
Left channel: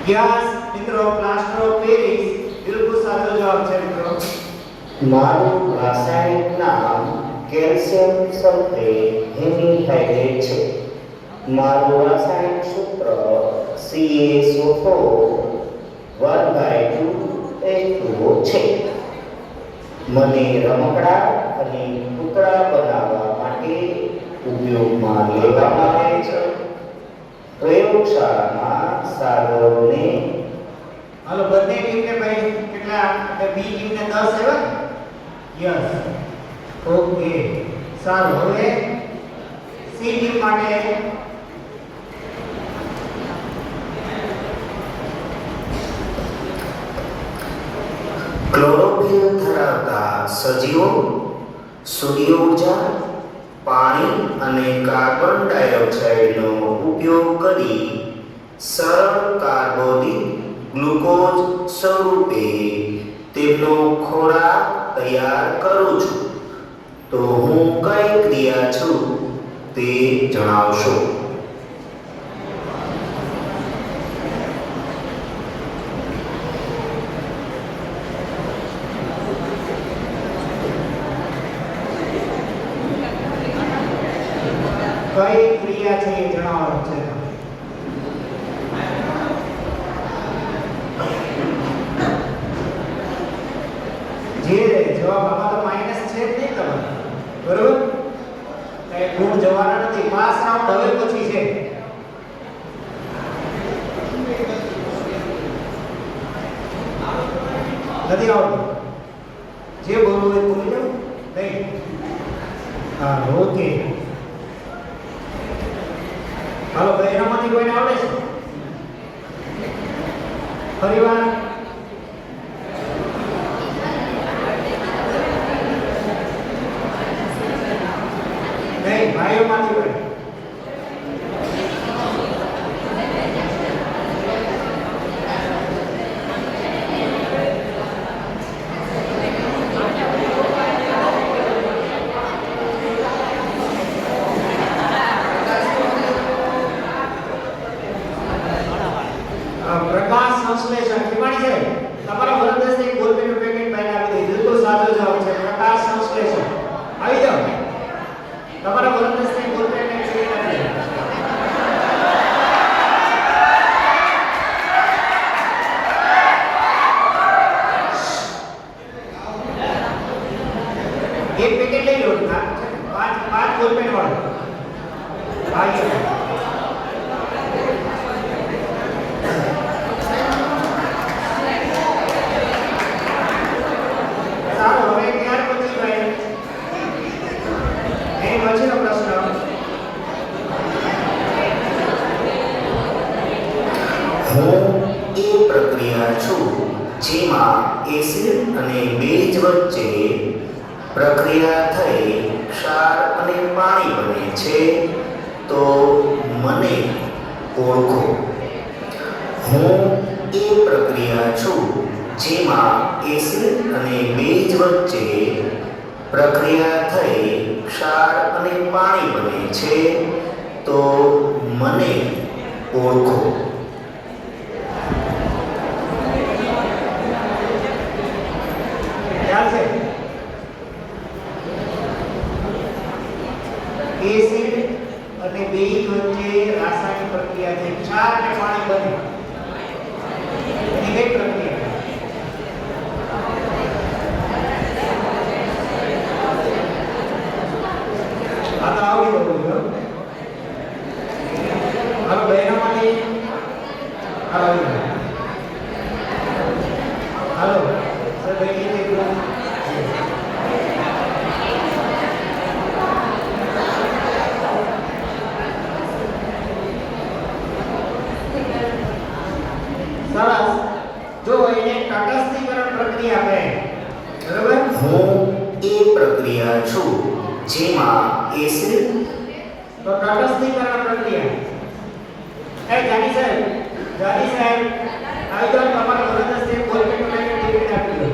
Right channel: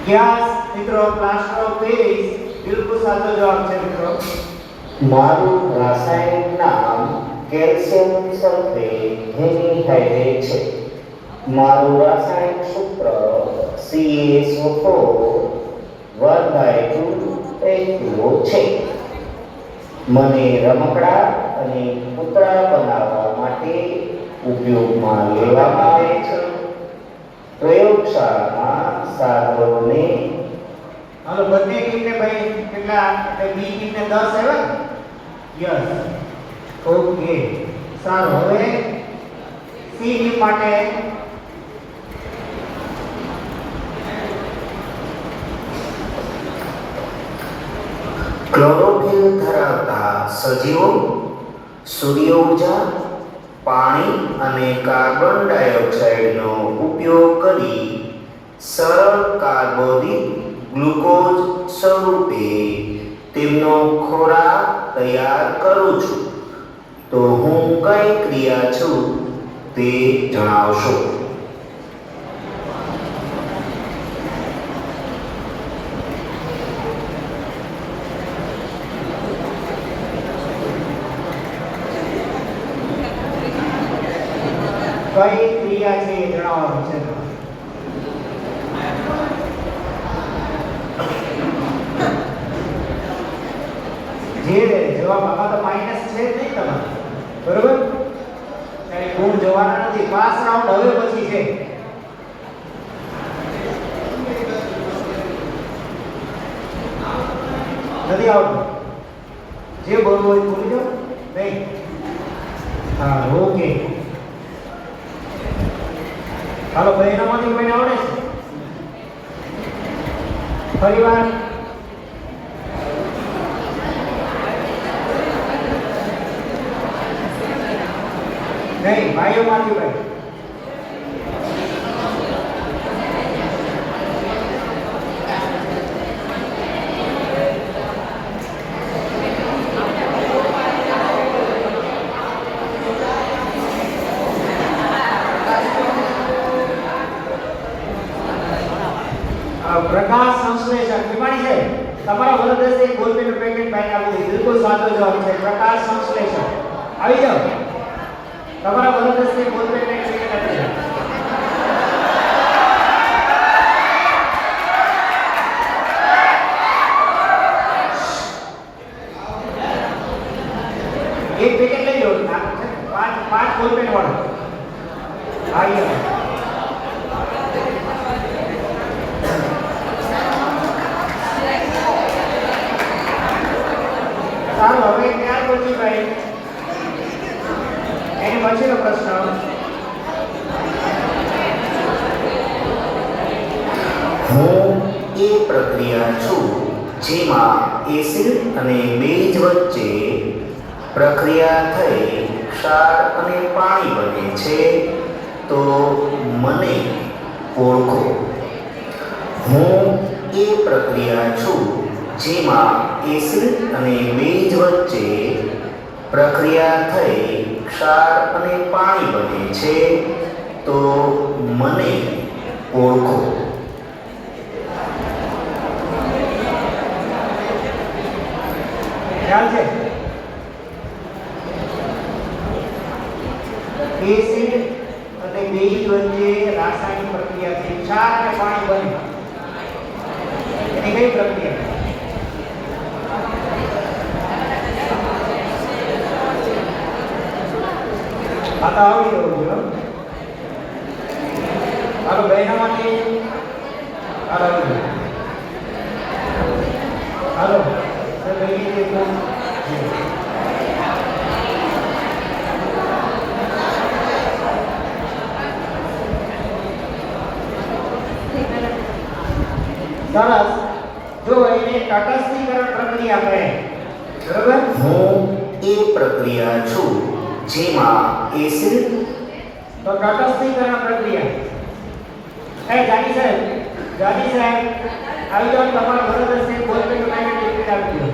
છે ગેસ મિત્રો પ્લાસ્ટર ઓફ પેરિસ બિલકુલ સાચો જવાબ છે મિત્રો મારું રાસાયણિક નામ કેલ્શિયમ સલ્ફેટ હેમિહાઇડ્રેટ છે. મારું રાસાયણિક સૂત્ર CaSO4 1/2H2O છે. મને રમકડા અને પૂતળા બનાવવા માટે ઉપયોગમાં લેવામાં આવે છે. પ્રયોગશાળામાં સાધનોને હાલો બંને ટીમને ભાઈ કેટલા બી ટીમને 10 આવ્યા યસ ઓકે સારું હવે સી ટીમ માટે ક્લોરોફિલ ધરાવતા સજીવો સૂર્ય ઊર્જા પાણી અને કાર્બન ડાયોક્સાઇડનો ઉપયોગ કરી સરળ કાર્બોદિત ગ્લુકોઝ સ્વરૂપે તેમનો ખોરાક તૈયાર કરું છું તો હું કઈ ક્રિયા છું તે જણાવશો. કઈ ક્રિયા છે એ જણાવવાનું છે જે જવાબ આમાં તો માઈનસ છે જ નહીં તમારે બરોબર એટલે ગુણ જવાના નથી. પાસ રાઉન્ડ હવે પછી છે. નથી આવતું. જે બોલવું હોય બોલી જાઓ. નહીં. હા, ઓકે. હાલો, બહેનોમાંથી કોઈને આવડે છે? ફરી વાર. નહીં, ભાઈઓમાંથી કોઈ. પ્રકાશ સંશ્લેષણ ઠીકાણી છે. તમારા વરદસ્તે એક બોલપેનનું પેકેટ બહાર આપી દીધું. બિલકુલ સાચો જવાબ છે પ્રકાશ સંશ્લેષણ. આવી જાઓ. તમારા વરદસ્તે બોલપેન એક પેકેટ આપી દીધું. એક પેકેટ લઈ લો. પાંચ બોલપેન વાળો. ભાઈઓ જેમાં એસિડ અને બેઝ વચ્ચે પ્રક્રિયા થઈ ક્ષાર અને પાણી બને છે તો મને ઓળખો. હું એ પ્રક્રિયા છું જેમાં એસિડ અને બેઝ વચ્ચે પ્રક્રિયા થઈ ક્ષાર અને પાણી બને છે તો મને ઓળખો. એસિડ અને બેઝ વચ્ચે રાસાયણિક પ્રક્રિયા છે ક્ષાર અને પાણી બને. એની કઈ પ્રક્રિયા? આ તો આવડી જવું જોઈએ. હાલો બહેનોમાંથી આવડી ગયું. હાલો સર બેટી દેખો. સરસ. જો એને તટસ્થીકરણ પ્રક્રિયા કહે. બરાબર? હું એ પ્રક્રિયા છું જેમાં એસિડ તો તટસ્થીકરણ પ્રક્રિયા. જાની સાહેબ આવી જાઓ. તમારા વરદસ્તે બોલપેન પેકેટ ટિકિટ આપી દો.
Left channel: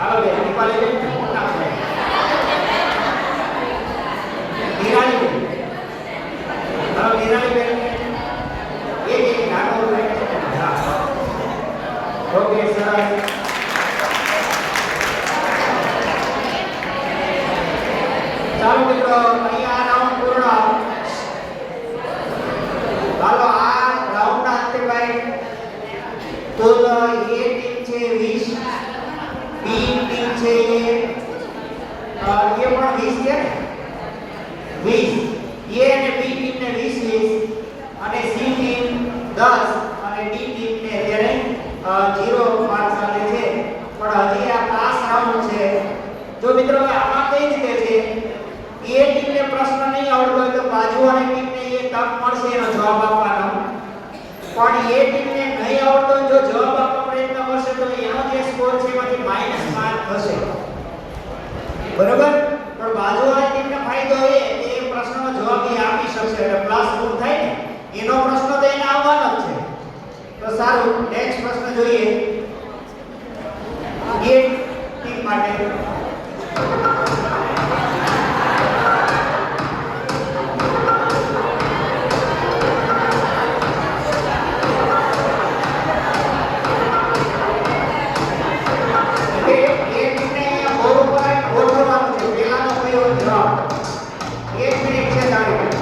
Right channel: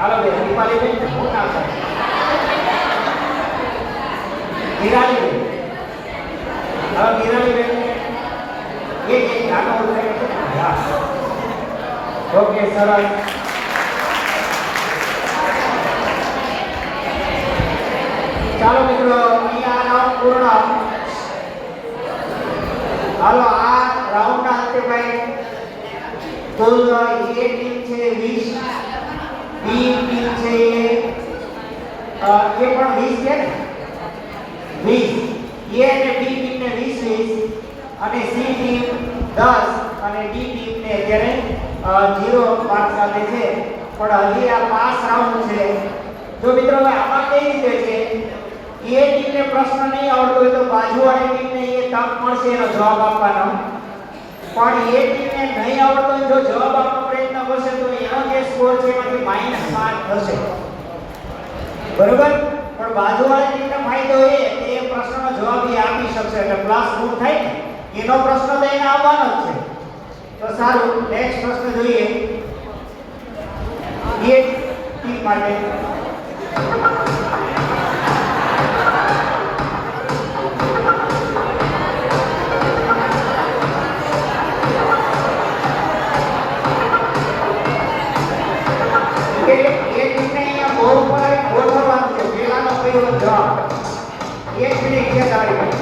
હાલો બે દીપાલી બેન ફોન આપો. નિરાલી બેન. હાલો નિરાલી બેન. એક નાનો ઓકે સરસ. ચાલો મિત્રો અહીંયા રાઉન્ડ પૂર્ણ. હાલો આ રાઉન્ડના અંતે ભાઈ કુલ એ ટીમ છે 20, બી ટીમ છે એ પણ 20 છે ને 20. એ અને બી ટીમને 20 અને સી ટીમ 10 અને ડી ટીમને અત્યારે 0 માર્ક સાથે છે. પણ હજી આ પાસ રાઉન્ડ છે. જો મિત્રો આમાં કઈ રીતે છે એ ટીમને પ્રશ્ન નહીં આવડતો હોય તો બાજુવાળી ટીમને એ તક મળશે એનો જવાબ આપવાનો. પણ એ ટીમને નહીં આવડતો હોય જો જવાબ આપવાનો પ્રયત્ન કરશે તો એનો જે સ્કોર છે એમાંથી માઈનસ માર્ક થશે. બરોબર? પણ બાજુવાળી ટીમને ફાયદો એ કે એ પ્રશ્નનો જવાબ એ આપી શકશે એટલે પ્લસ ગુણ થાય ને એનો પ્રશ્ન તો એને આવવાનો જ છે. તો સારું, નેક્સ્ટ પ્રશ્ન જોઈએ. એ ટીમ માટે જવાબ 1 મિનિટ છે તારી.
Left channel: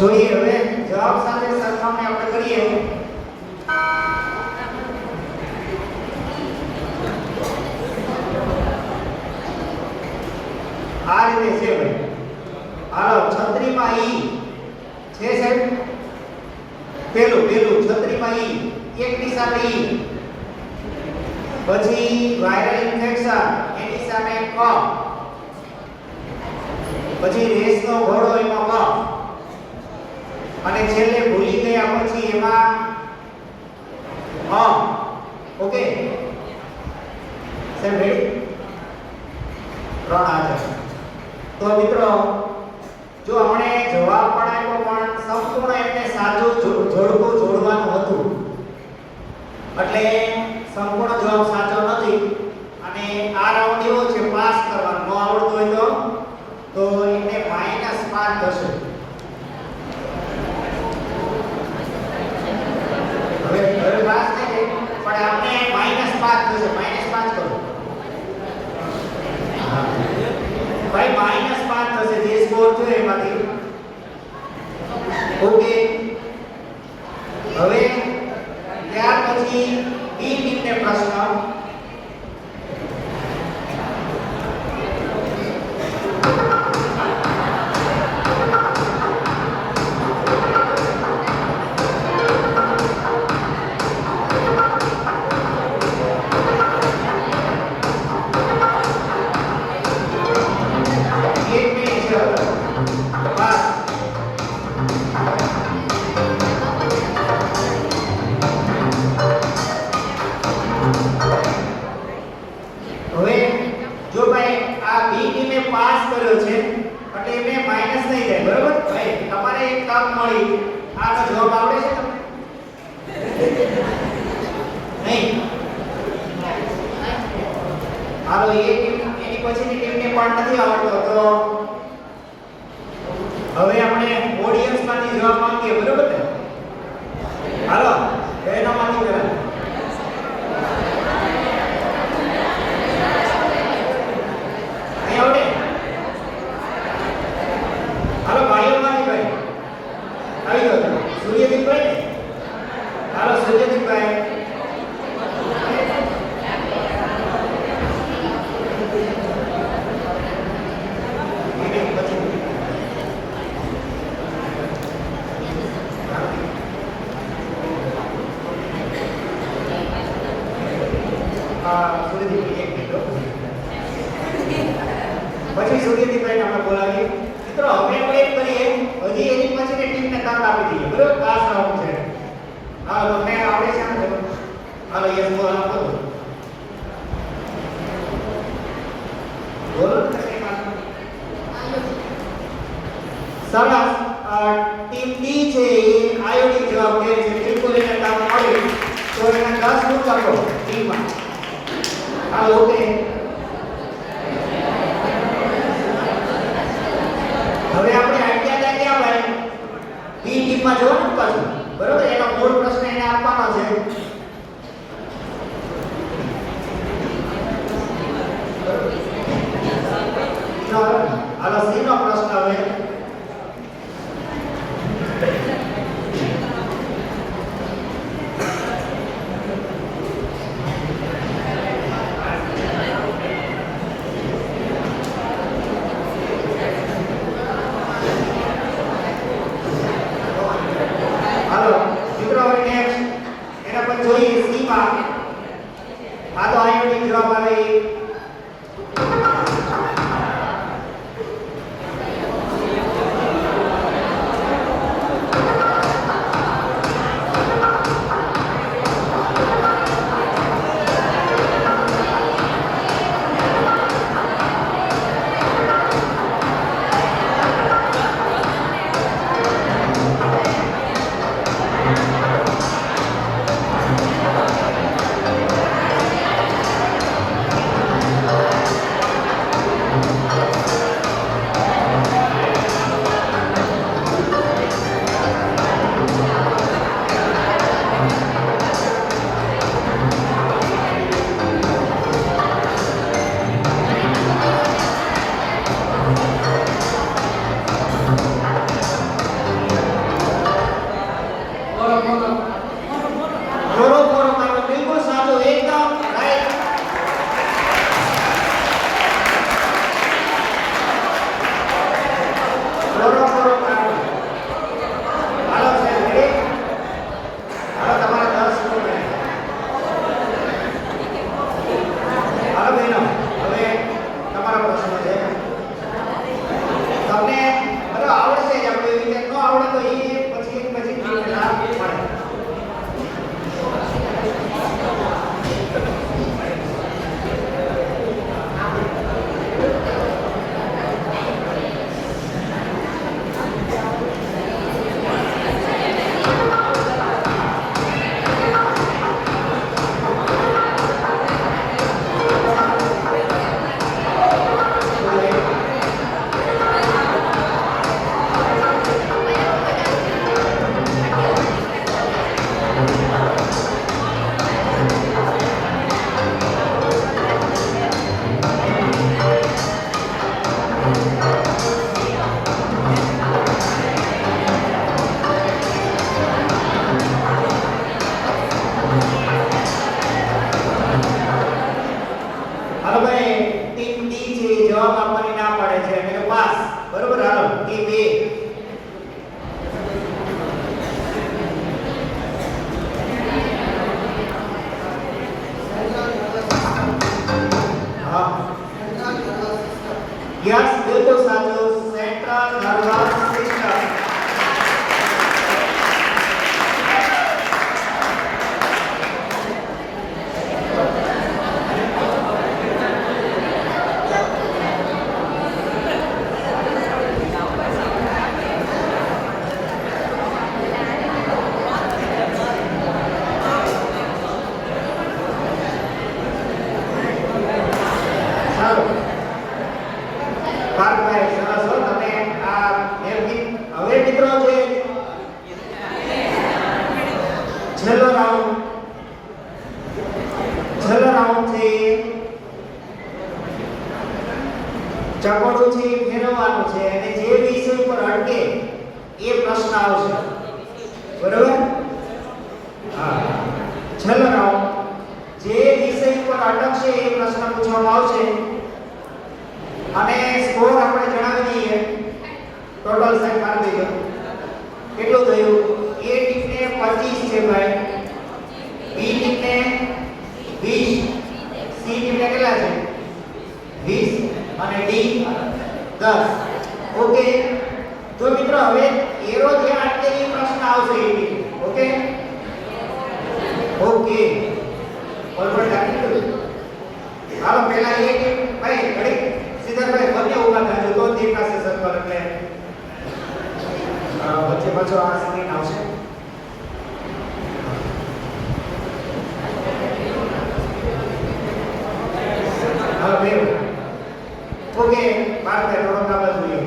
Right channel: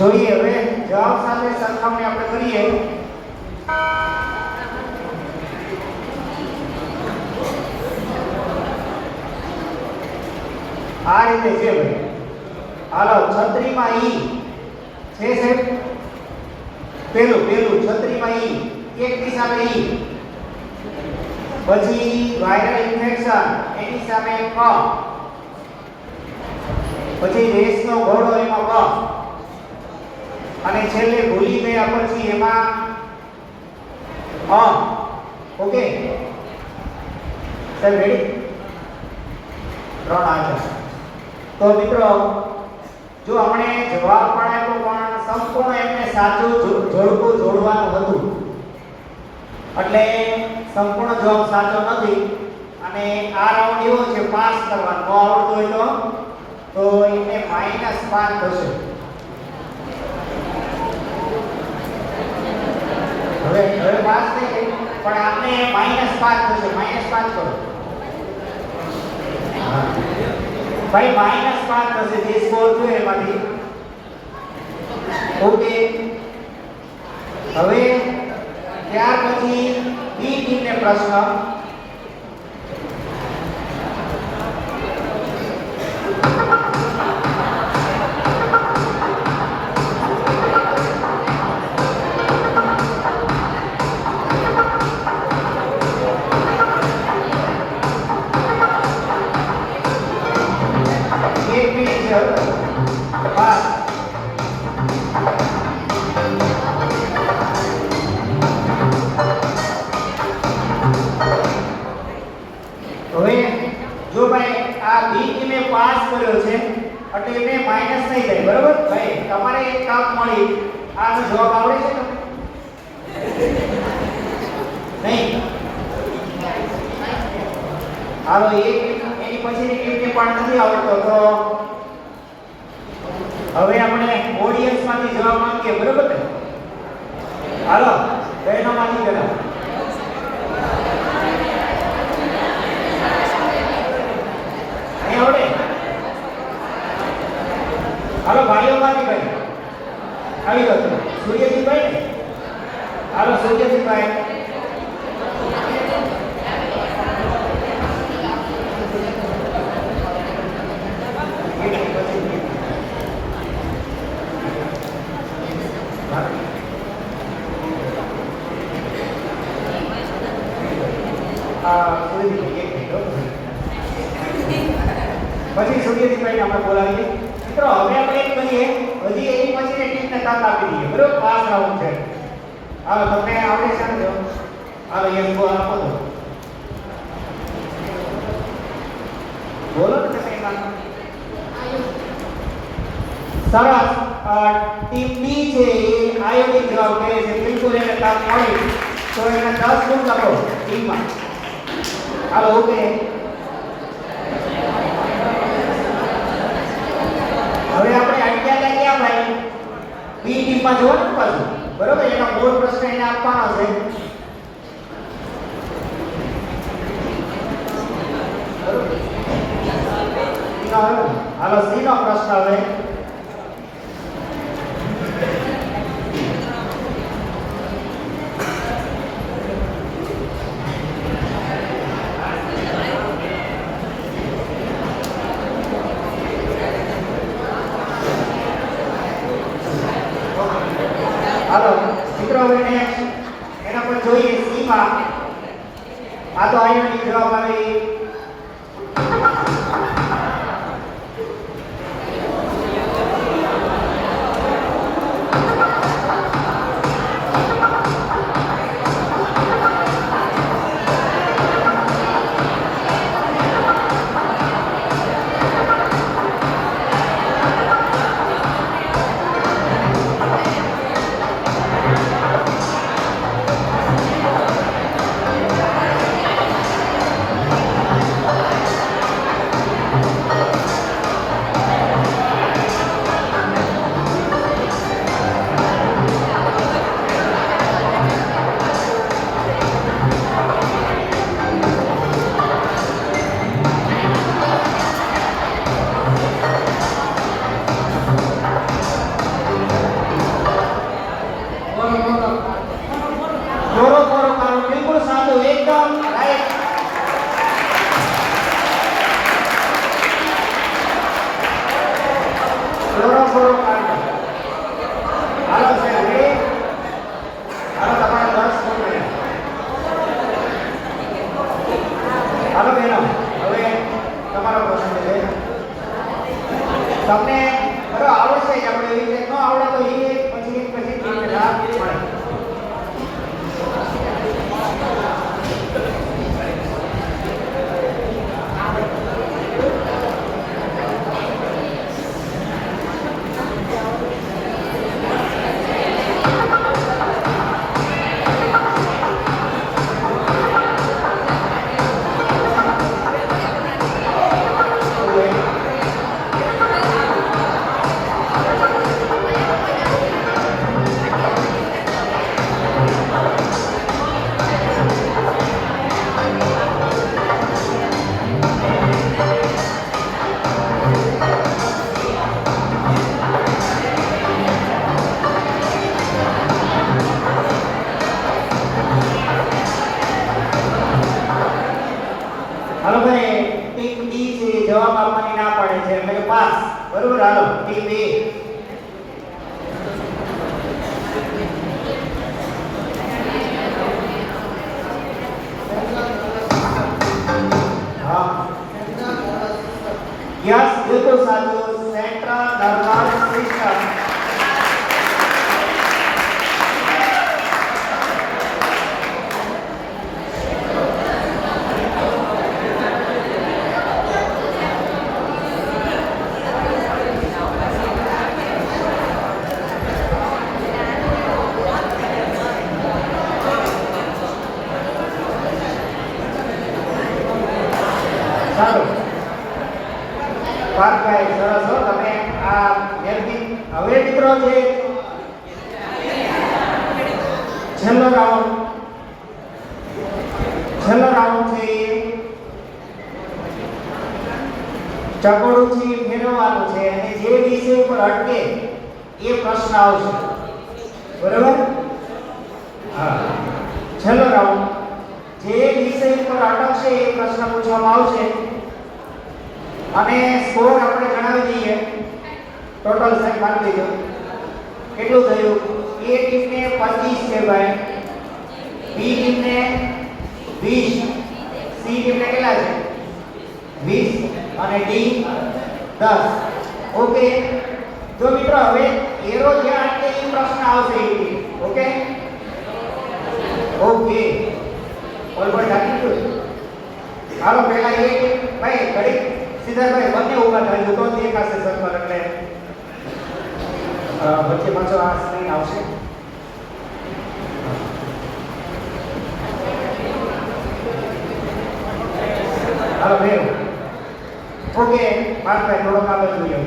જોઈએ હવે જવાબ સાથે સરખામણી આપણે કરીએ. આ રીતે છે ભાઈ. હાલો છત્રીમાં ઈ છે સાહેબ. પેલું છત્રીમાં ઈ એક દિશામાં ઈ, પછી વાયરલ ઇન્ફેક્શન એની સામે ક, પછી રેસનો ઘોડો એમાં ક, અને છેલ્લે ભૂલી ગયા પછી એમાં અ. ઓકે સાહેબ રેડી? 3 આ છે. તો મિત્રો જો આપણે જવાબ પણ આપ્યો પણ સંપૂર્ણ એમને સાચું જોડકું જોડવાનું હતું એટલે સંપૂર્ણ જવાબ સાચો નથી. અને આ રાઉન્ડ એવો છે પાસ કરવાનો. ન આવડતું હોય તો એને -5 થશે. હવે પાસ થઈ ગઈ પણ આપણે -5 થશે. -5 કરો ભાઈ. -5 થશે જે સ્કોર થયો એમાંથી. ઓકે હવે ત્યાર પછી બી ટીમને પ્રશ્ન. હવે જો ભાઈ આ બી ટીમે પાસ કર્યો છે એટલે એને માઈનસ થઈ જાય. બરોબર ભાઈ? તમારે એક કામ મળી. આનો જવાબ આવડે છે તમને? નહીં? હાલો એની પછીની ટીમને પણ નથી આવડતો તો હવે આપણે ઓડિયન્સ માંથી જવાબ માંગીએ. બરોબર ને? હાલો બહેનો માંથી પેલા સૂર્યજીભાઈ ને. હાલો સૂર્યજીભાઈ. પછી સૂર્યજીભાઈ આપણે બોલાવીએ. મિત્રો હવે આપણે એમ કરીએ હજી એની પછીની ટીમને કામ આપી દઈએ. બરોબર? પાસ રાઉન્ડ છે. હા તમને આવડે છે ને? હાલો યસ બોલ આપો. બોલો ને તમે કામ. સરસ. ટીમ બી છે એ આયોડિન જવાબ દે છે. બિલકુલ એને કામ મળ્યું તો એને 10 ગુણ આપો ટીમમાં. Hello okay. હવે આપણે આઈડિયા લાગ્યા ભાઈ. બી ટીમમાં જોવાનું કરશું. બરોબર? એનો મૂળ પ્રશ્ન એને આપવાનો છે. હાલો સી નો પ્રશ્ન હવે. હવે મિત્રો જે છેલ્લો રાઉન્ડ છે ચકડું છે ફેરવવાનું છે અને જે વિષય ઉપર અટકે એ પ્રશ્ન આવશે બરાબર હા છેલ્લો રાઉન્ડ જે વિષય ઉપર અટકશે એ પ્રશ્ન પૂછવામાં આવશે અને સ્કોર આપણે જણાવી દઈએ ટોટલ સાઈન મારી દેજો કેટલું થયું એ ટીમને 25 છે ભાઈ બી ટીમને 20 સી ટીમને કેટલા છે 20 અને ડી 10 ઓકે જો મિત્રો હવે એરો જ્યાં અટકે એ પ્રશ્ન આવશે એ ઓકે ઓકે ઓલરેડી રાખી દો હાલો પહેલા એ ટીમ ભાઈ ઘડી સિદ્ધાર્થભાઈ બંને ઊભા થાય તો દેખાશે સર એટલે વચ્ચે પાછો આ સ્ક્રીન આવશે હાલો ભાઈ ઓકે ભારતભાઈ થોડો આગળ જોઈએ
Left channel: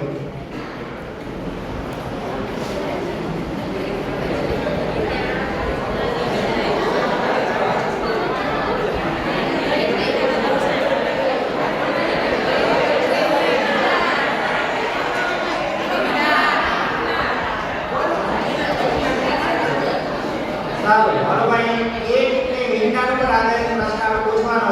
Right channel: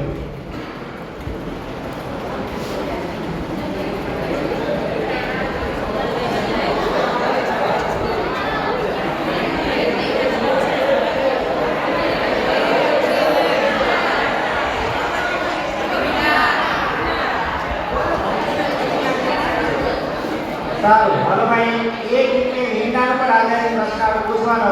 સારું હવે ભાઈ એક વિજ્ઞાન પર આધારિત પ્રશ્ન પૂછવાનો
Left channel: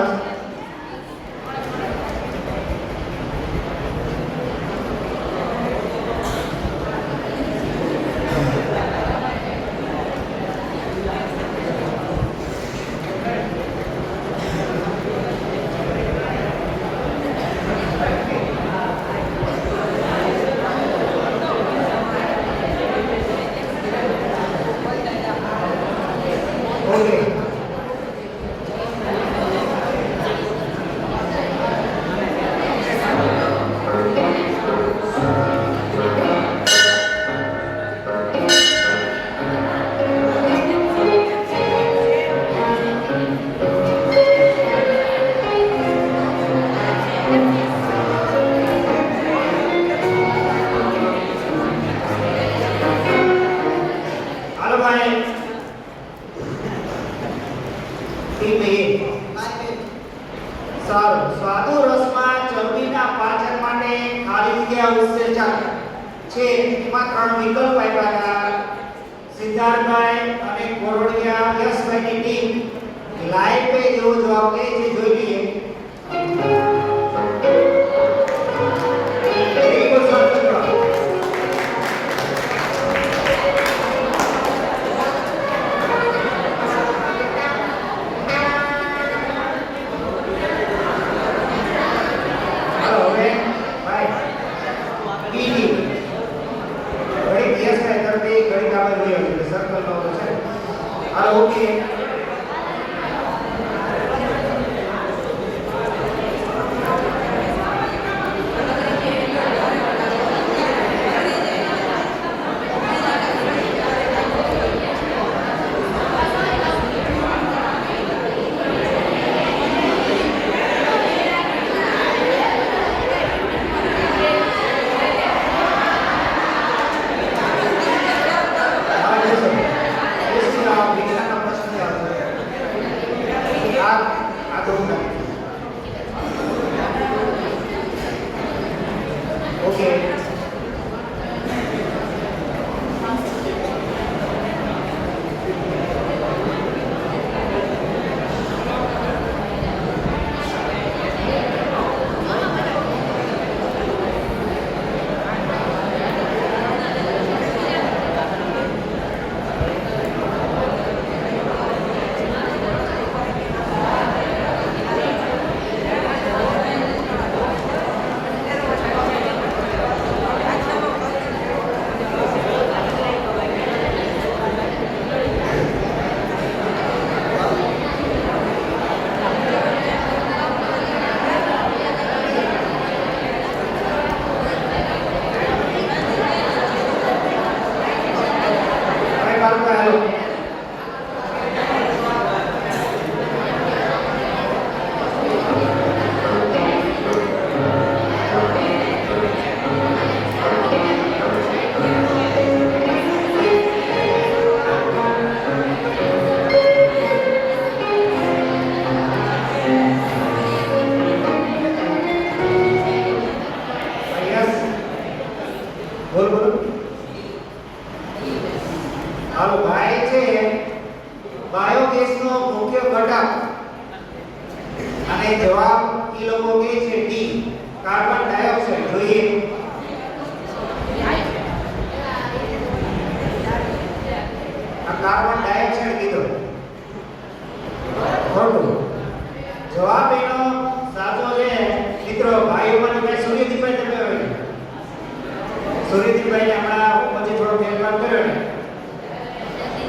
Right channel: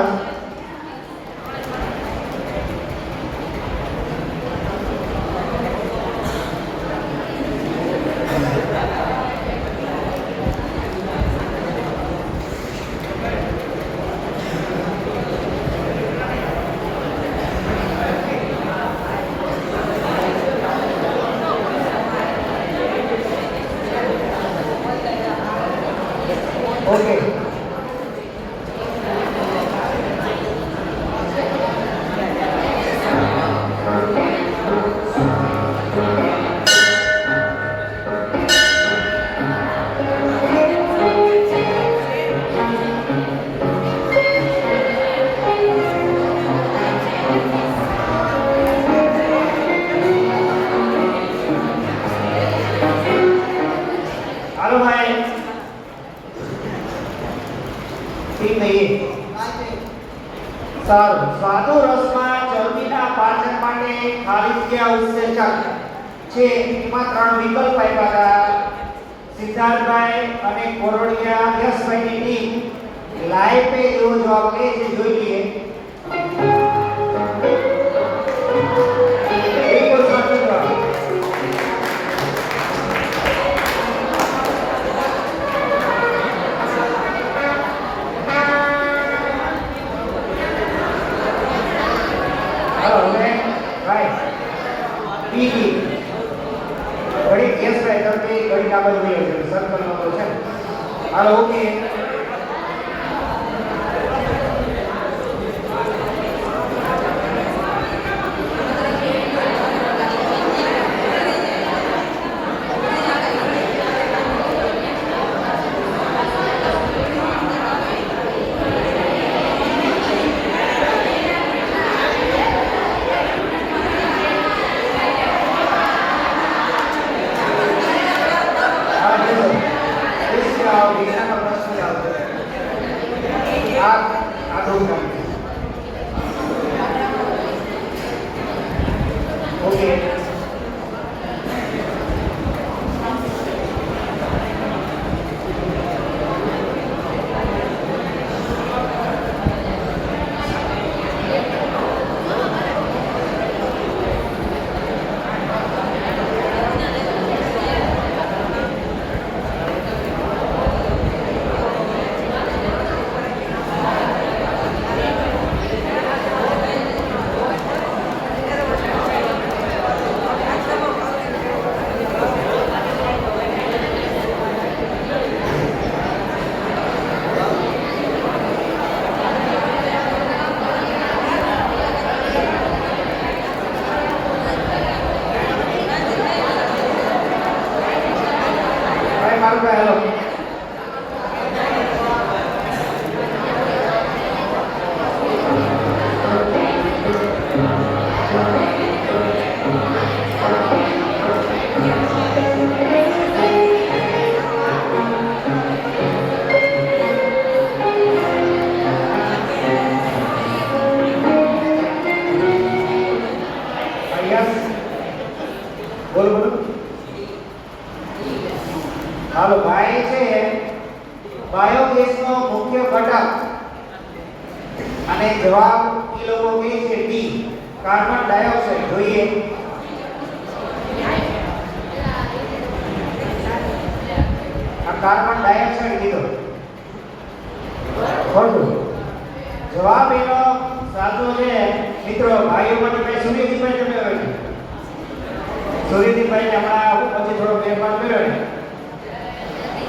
ઓકે હાલો ભાઈ ટીમ એ સારું સ્વાદુ રસમાં ચરબીના પાચન માટે ખાલી જગ્યા ઉત્સેચક છે એમાં 3 વિકલ્પ આપ્યા હતા સિદ્ધાર્થભાઈ અને કોરડિયા યશભાઈની ટીમ લાઈવ પે જેવો જવાબ લે છે જોઈ લઈએ બિલકુલ સાચો જવાબ. હાલો હવે ભાઈ બીજી ઘડી કેસ પે કરતી ઘડી કાબલ હોય છે સર્કલ નો છે હાલો ઓકે વિજ્ઞાનનો પ્રશ્ન હમણાં પછી થોડો ફેરફાર કર્યો ને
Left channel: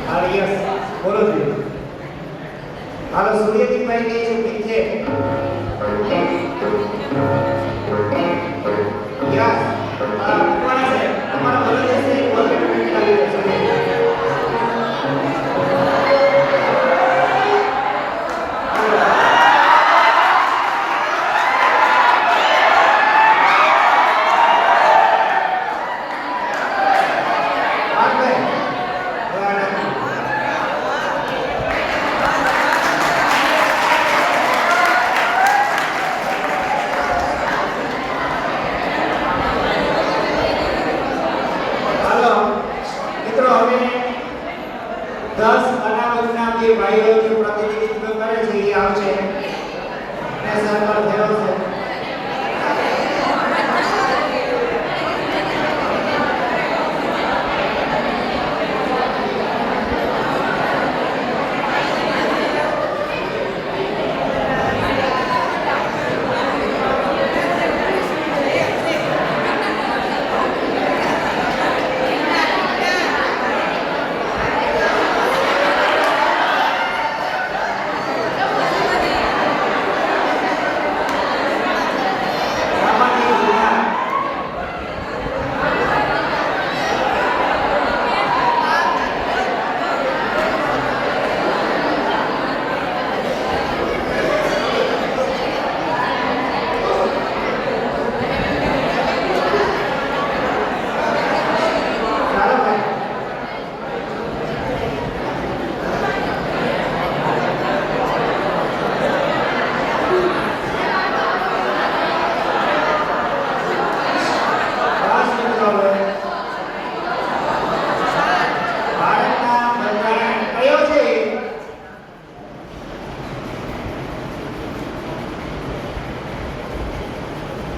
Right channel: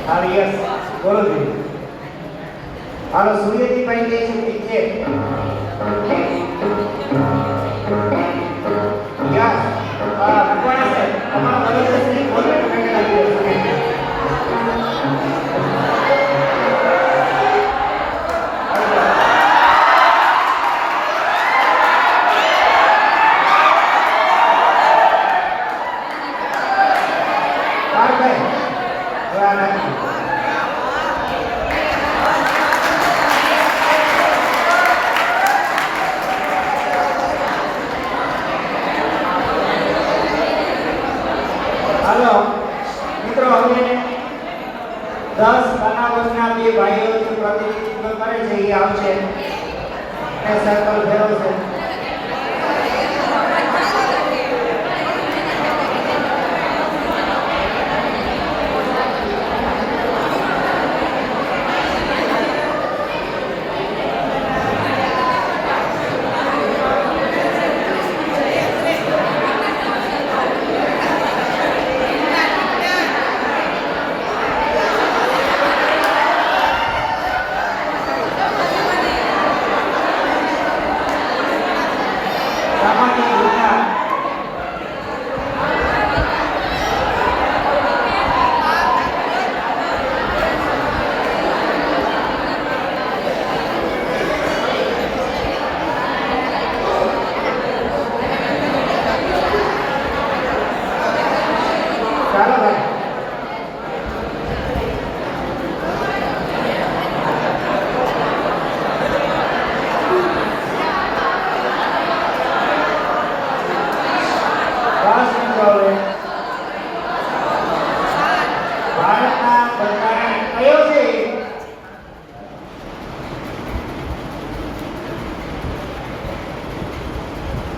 હા યસ બોલો જી હાલો સૂર્યજીભાઈ કહે છે ઠીક છે યસ કોણ છે તમારો બોલો છે બોલો પેકેટ આવી જશે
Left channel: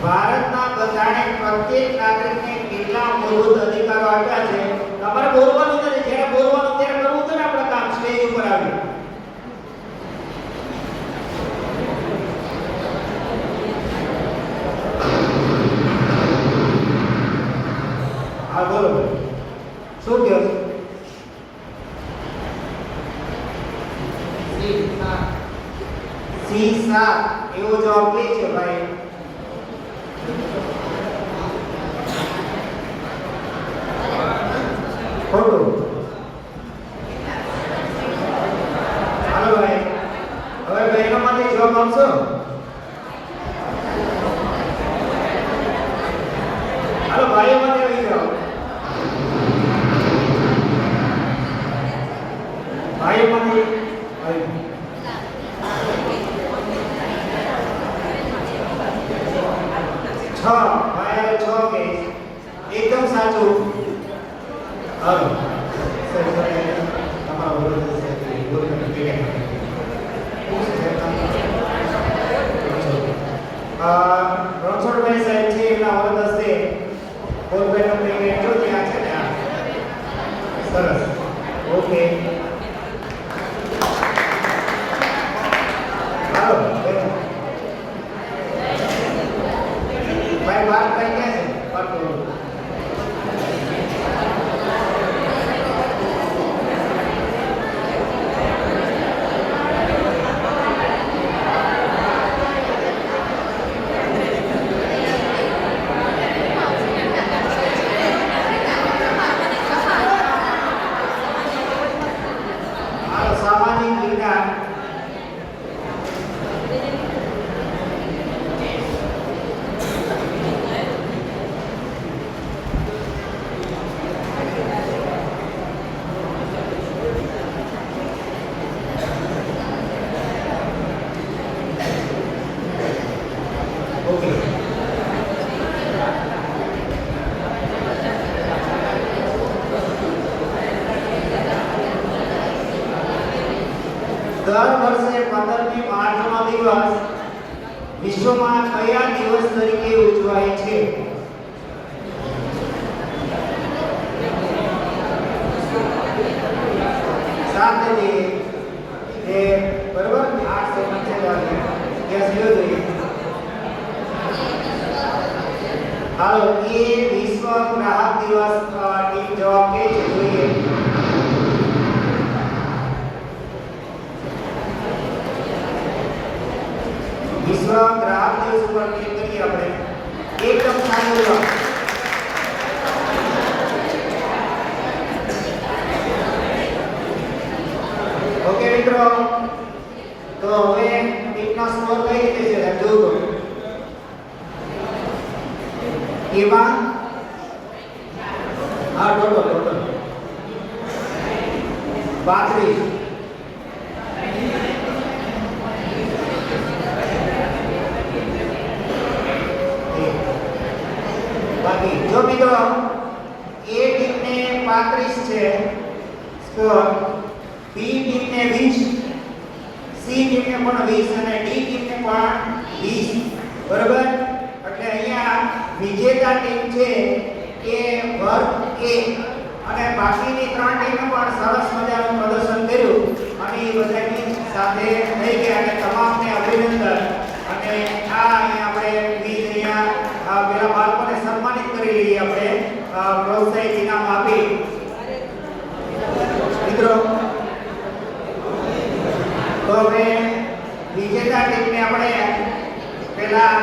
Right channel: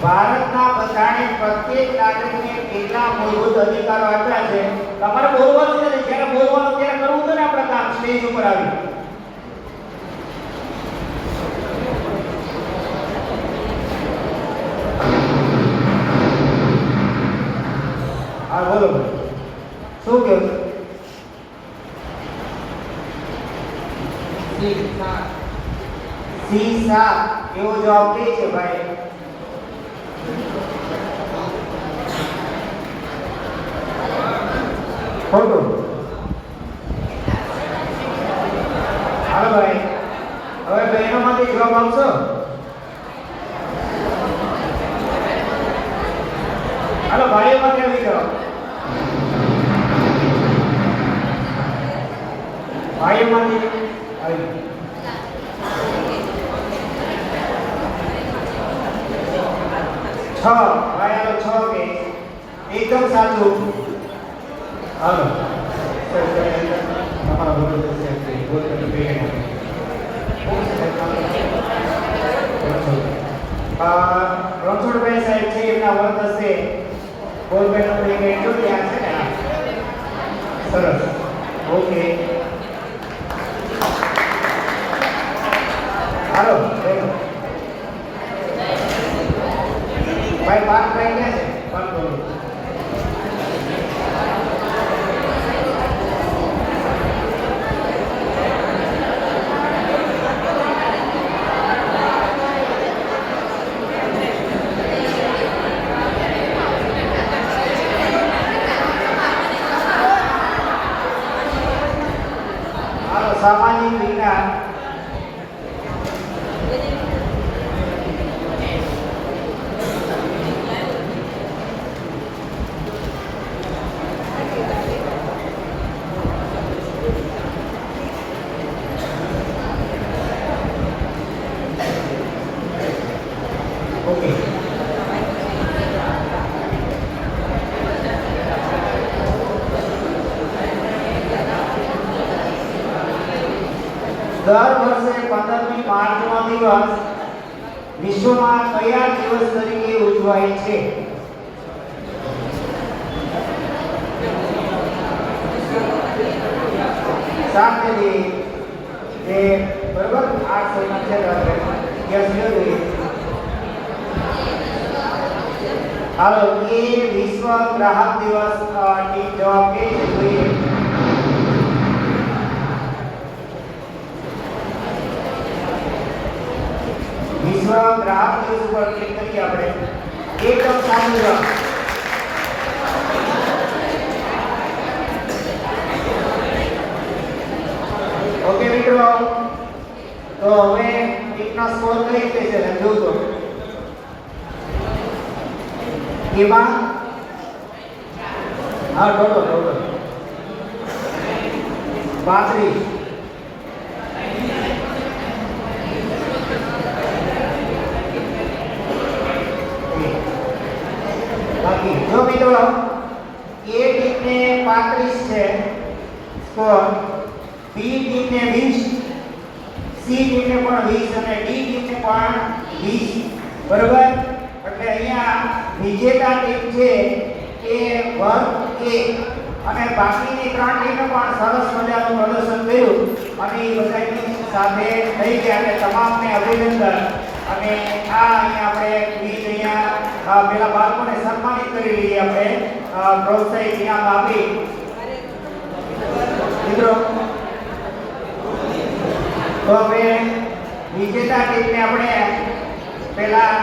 ભારતના બંધારણે પ્રત્યેક નાગરિકને કેટલા મૂળભૂત અધિકારો આપ્યા છે તમારે બોલવાનું છે જ્યારે બોલવાનું ત્યારે કરવું તો ને આપણે કામ સ્ટેજ ઉપર આવી હા બોલો શું કહો C7 એવો જવાબ દે છે ભાઈ ખોટું હાલો ભાઈ હવે બહેનોમાંથી જવાબ આપશો હાલો ભાઈઓમાંથી આવી જાઓ ભાઈઓમાંથી આવી છ ભાઈ છ કે એકદમ સાચું હાલો તમારો બોલો છે રણછોડભાઈ સાહેબ છે એમના વર્ગ હશે ગોલભાઈનો પ્રેમ એટલો ત્યાં છે ને સરસ ઓકે હાલો ભાઈ વાત કઈ ગયા છે વાત કરો સામાજિક વિજ્ઞાન દર વર્ષે 15મી માર્ચનો દિવસ વિશ્વમાં કયા દિવસ તરીકે ઉજવાય છે શાંતિથી એ બરાબર આ સમસ્યા ગેસ લીધું હાલો એ વિશ્વ ગ્રાહક દિવસ તો હવે 1 નો 16 કઈ રીતે છે જોજો એમાં હા ટોટલ 32 બાકી જો મિત્રો A ટીમને 35 છે સ્કોર B ટીમને 20 C ટીમને પણ 20 અને D ટીમને પણ 20 બરાબર એટલે અહીંયા વિજેતા ટીમ છે એ વર્ગ A અને બાકીની 3 ટીમે પણ સરસ મજાનું પ્રદર્શન કર્યું અને એ બધાની સાથે થઈ ગયા અને તમામને અભિનંદન અને આ અહીંયા આપણે બીજ અહીંયા પેલા બાળકોને સન્માનિત કરી લઈએ આપણે પ્રોત્સાહિત ઇનામ આપી મિત્રો તો હવે વિજેતા ટીમને આપણે પહેલા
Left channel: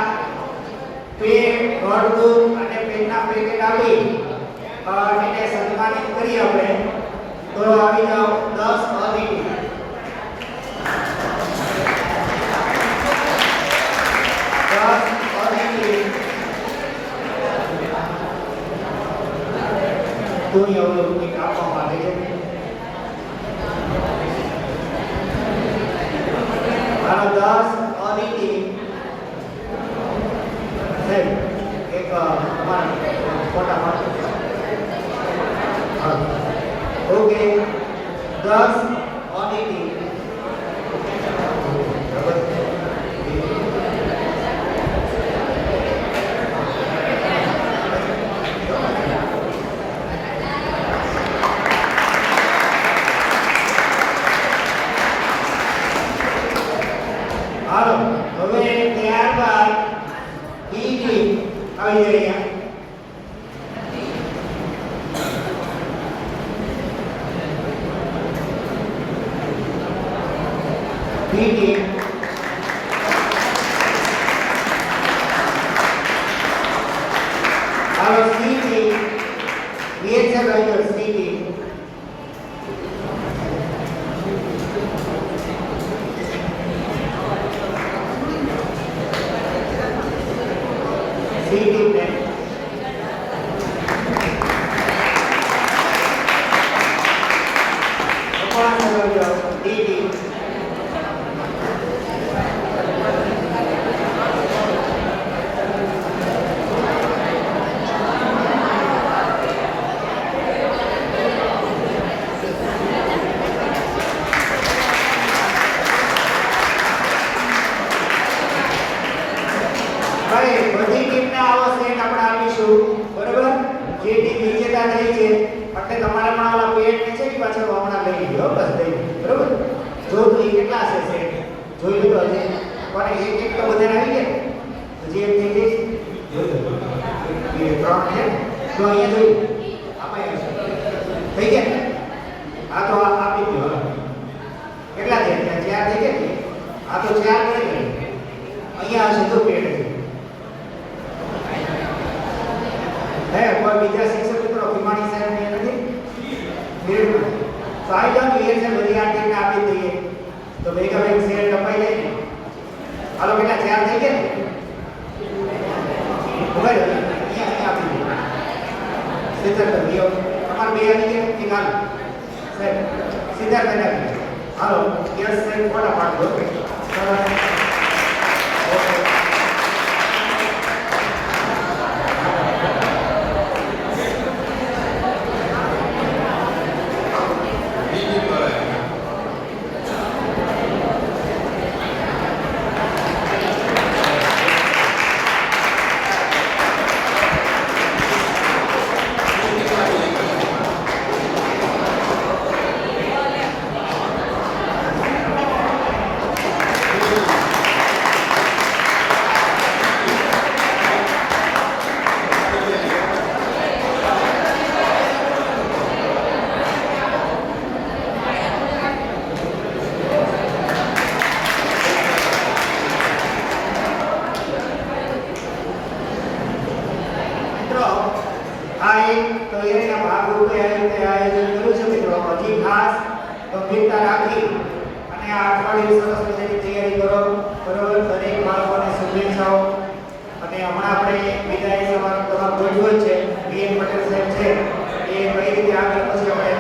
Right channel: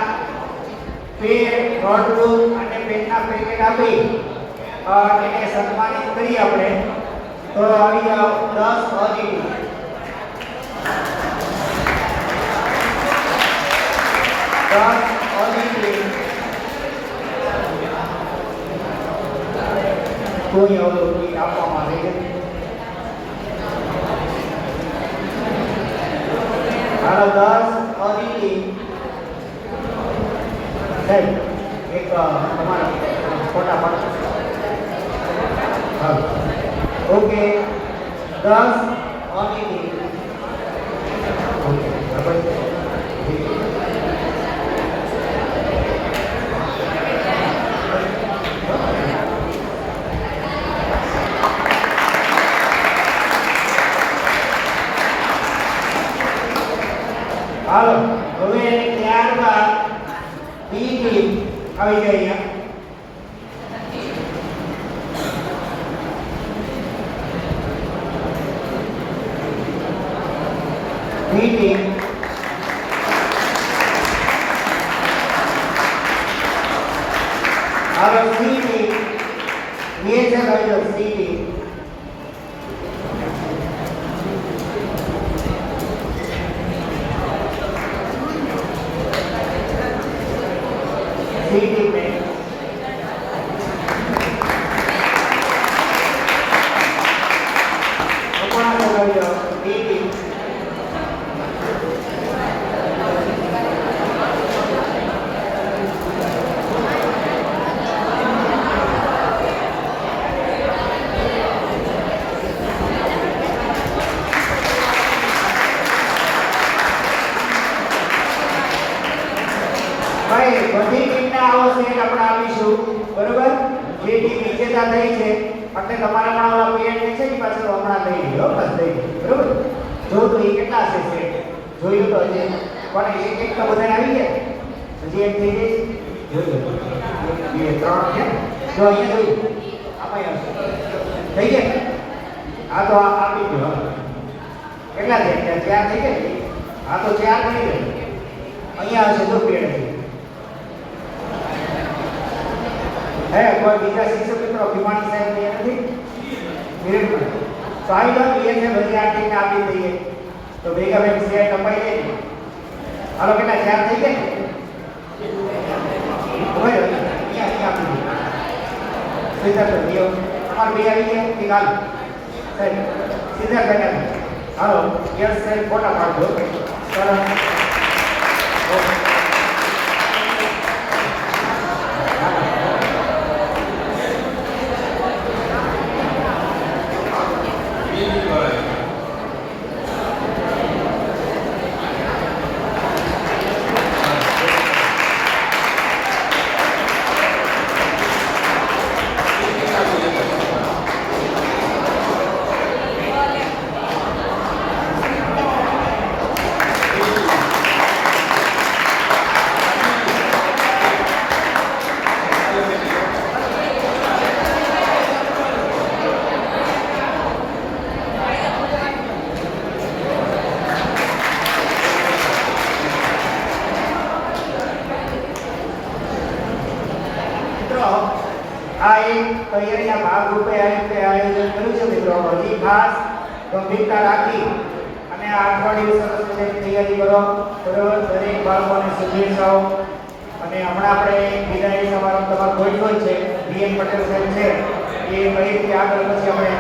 પેન નોટબુક અને પેનના પેકેટ આપી એને સન્માનિત કરી આપણે તો આવી જાઓ 10 અધિક દુનિયા ઓલું આપવામાં આવે છે હાલો 10 અધિકી સાહેબ એક ફોટા પાડો ઓકે 10 અધિકી હાલો હવે ત્યારબાદ બી ટીમ આવી જાય અહીંયા બી ટીમ હાલો સી ટીમ બે છે ભાઈઓ સી ટીમ સી ટીમ ને ડી ટીમ ભાઈ બધી ટીમના આવો સેટ આપણે આપીશું બરોબર જે ટીમ વિજેતા થઈ છે એટલે તમારે પણ ઓલા પેડ છે ને પાછું તો હમણાં લઈ લ્યો બસ થઈ ગયું બરોબર જો તો એ કેટલા છે સેટ જોઈ લો હજી પણ એક એક તો બધા આવી ગયા જે એમ થઈ ગઈ એ 3 છે તો અહીંયા જોઈ આમાં થઈ ગયા આ તો આપી દો કેટલા થઈ ગયા 4 થઈ ગયા આ તો 4 થઈ ગયા અહીંયા હશે તો પેડ है कोई બીજા શિક્ષક મિત્રો ભીમાણી સાહેબ ને નથી બિલકુલ તો આઈ જાવ એ છે બધી આ ટીમને આપી દઈએ તો ભેગા ભેગ શેર લપાઈ જાય હાલો બેટા 4 થઈ ગયા હવે અહીંયા આપી દઈએ સીધા તો દિયો અમાર બે આવી ગયા કે હાલ સાહેબ સીધા કરી હાલો યસ સાહેબ ફોટા પાડો તૈયારીના ભાગરૂપે આયોજન કર્યું છે મિત્રો હજી ખાસ ગંભીરતા રાખી અને આ અઠવાડિયું સરસ મજાની તૈયારી કરો. બરોબર, દરેક બાળકોને શુભેચ્છાઓ. અને હમણાં આપણે વિદાય સમારંભ તમારો ગોઠવ્યો છે. બીએન પટેલ સાહેબ છે એ કઈ રીતે આગળ પછી આપણે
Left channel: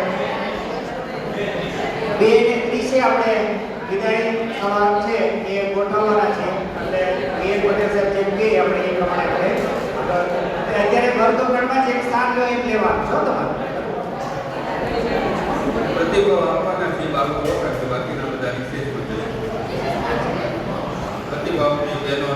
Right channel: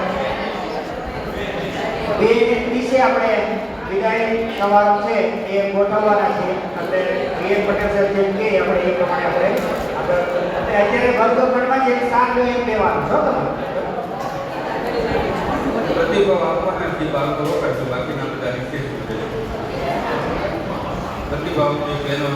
2:30 આપણે વિદાય સમારંભ છે એ ગોઠવવાના છે. આપણે બીએન પટેલ સાહેબ જેમ કે આપણે એ પ્રમાણે આપણે અત્યારે ઘરગોઠવણમાં જે સ્થાન લો એમ લેવાનું છો તમારે. પ્રતિભાવ આપવાના છે બાળકો બાકીના બધા વિશેષ પ્રતિભાવની બહેનો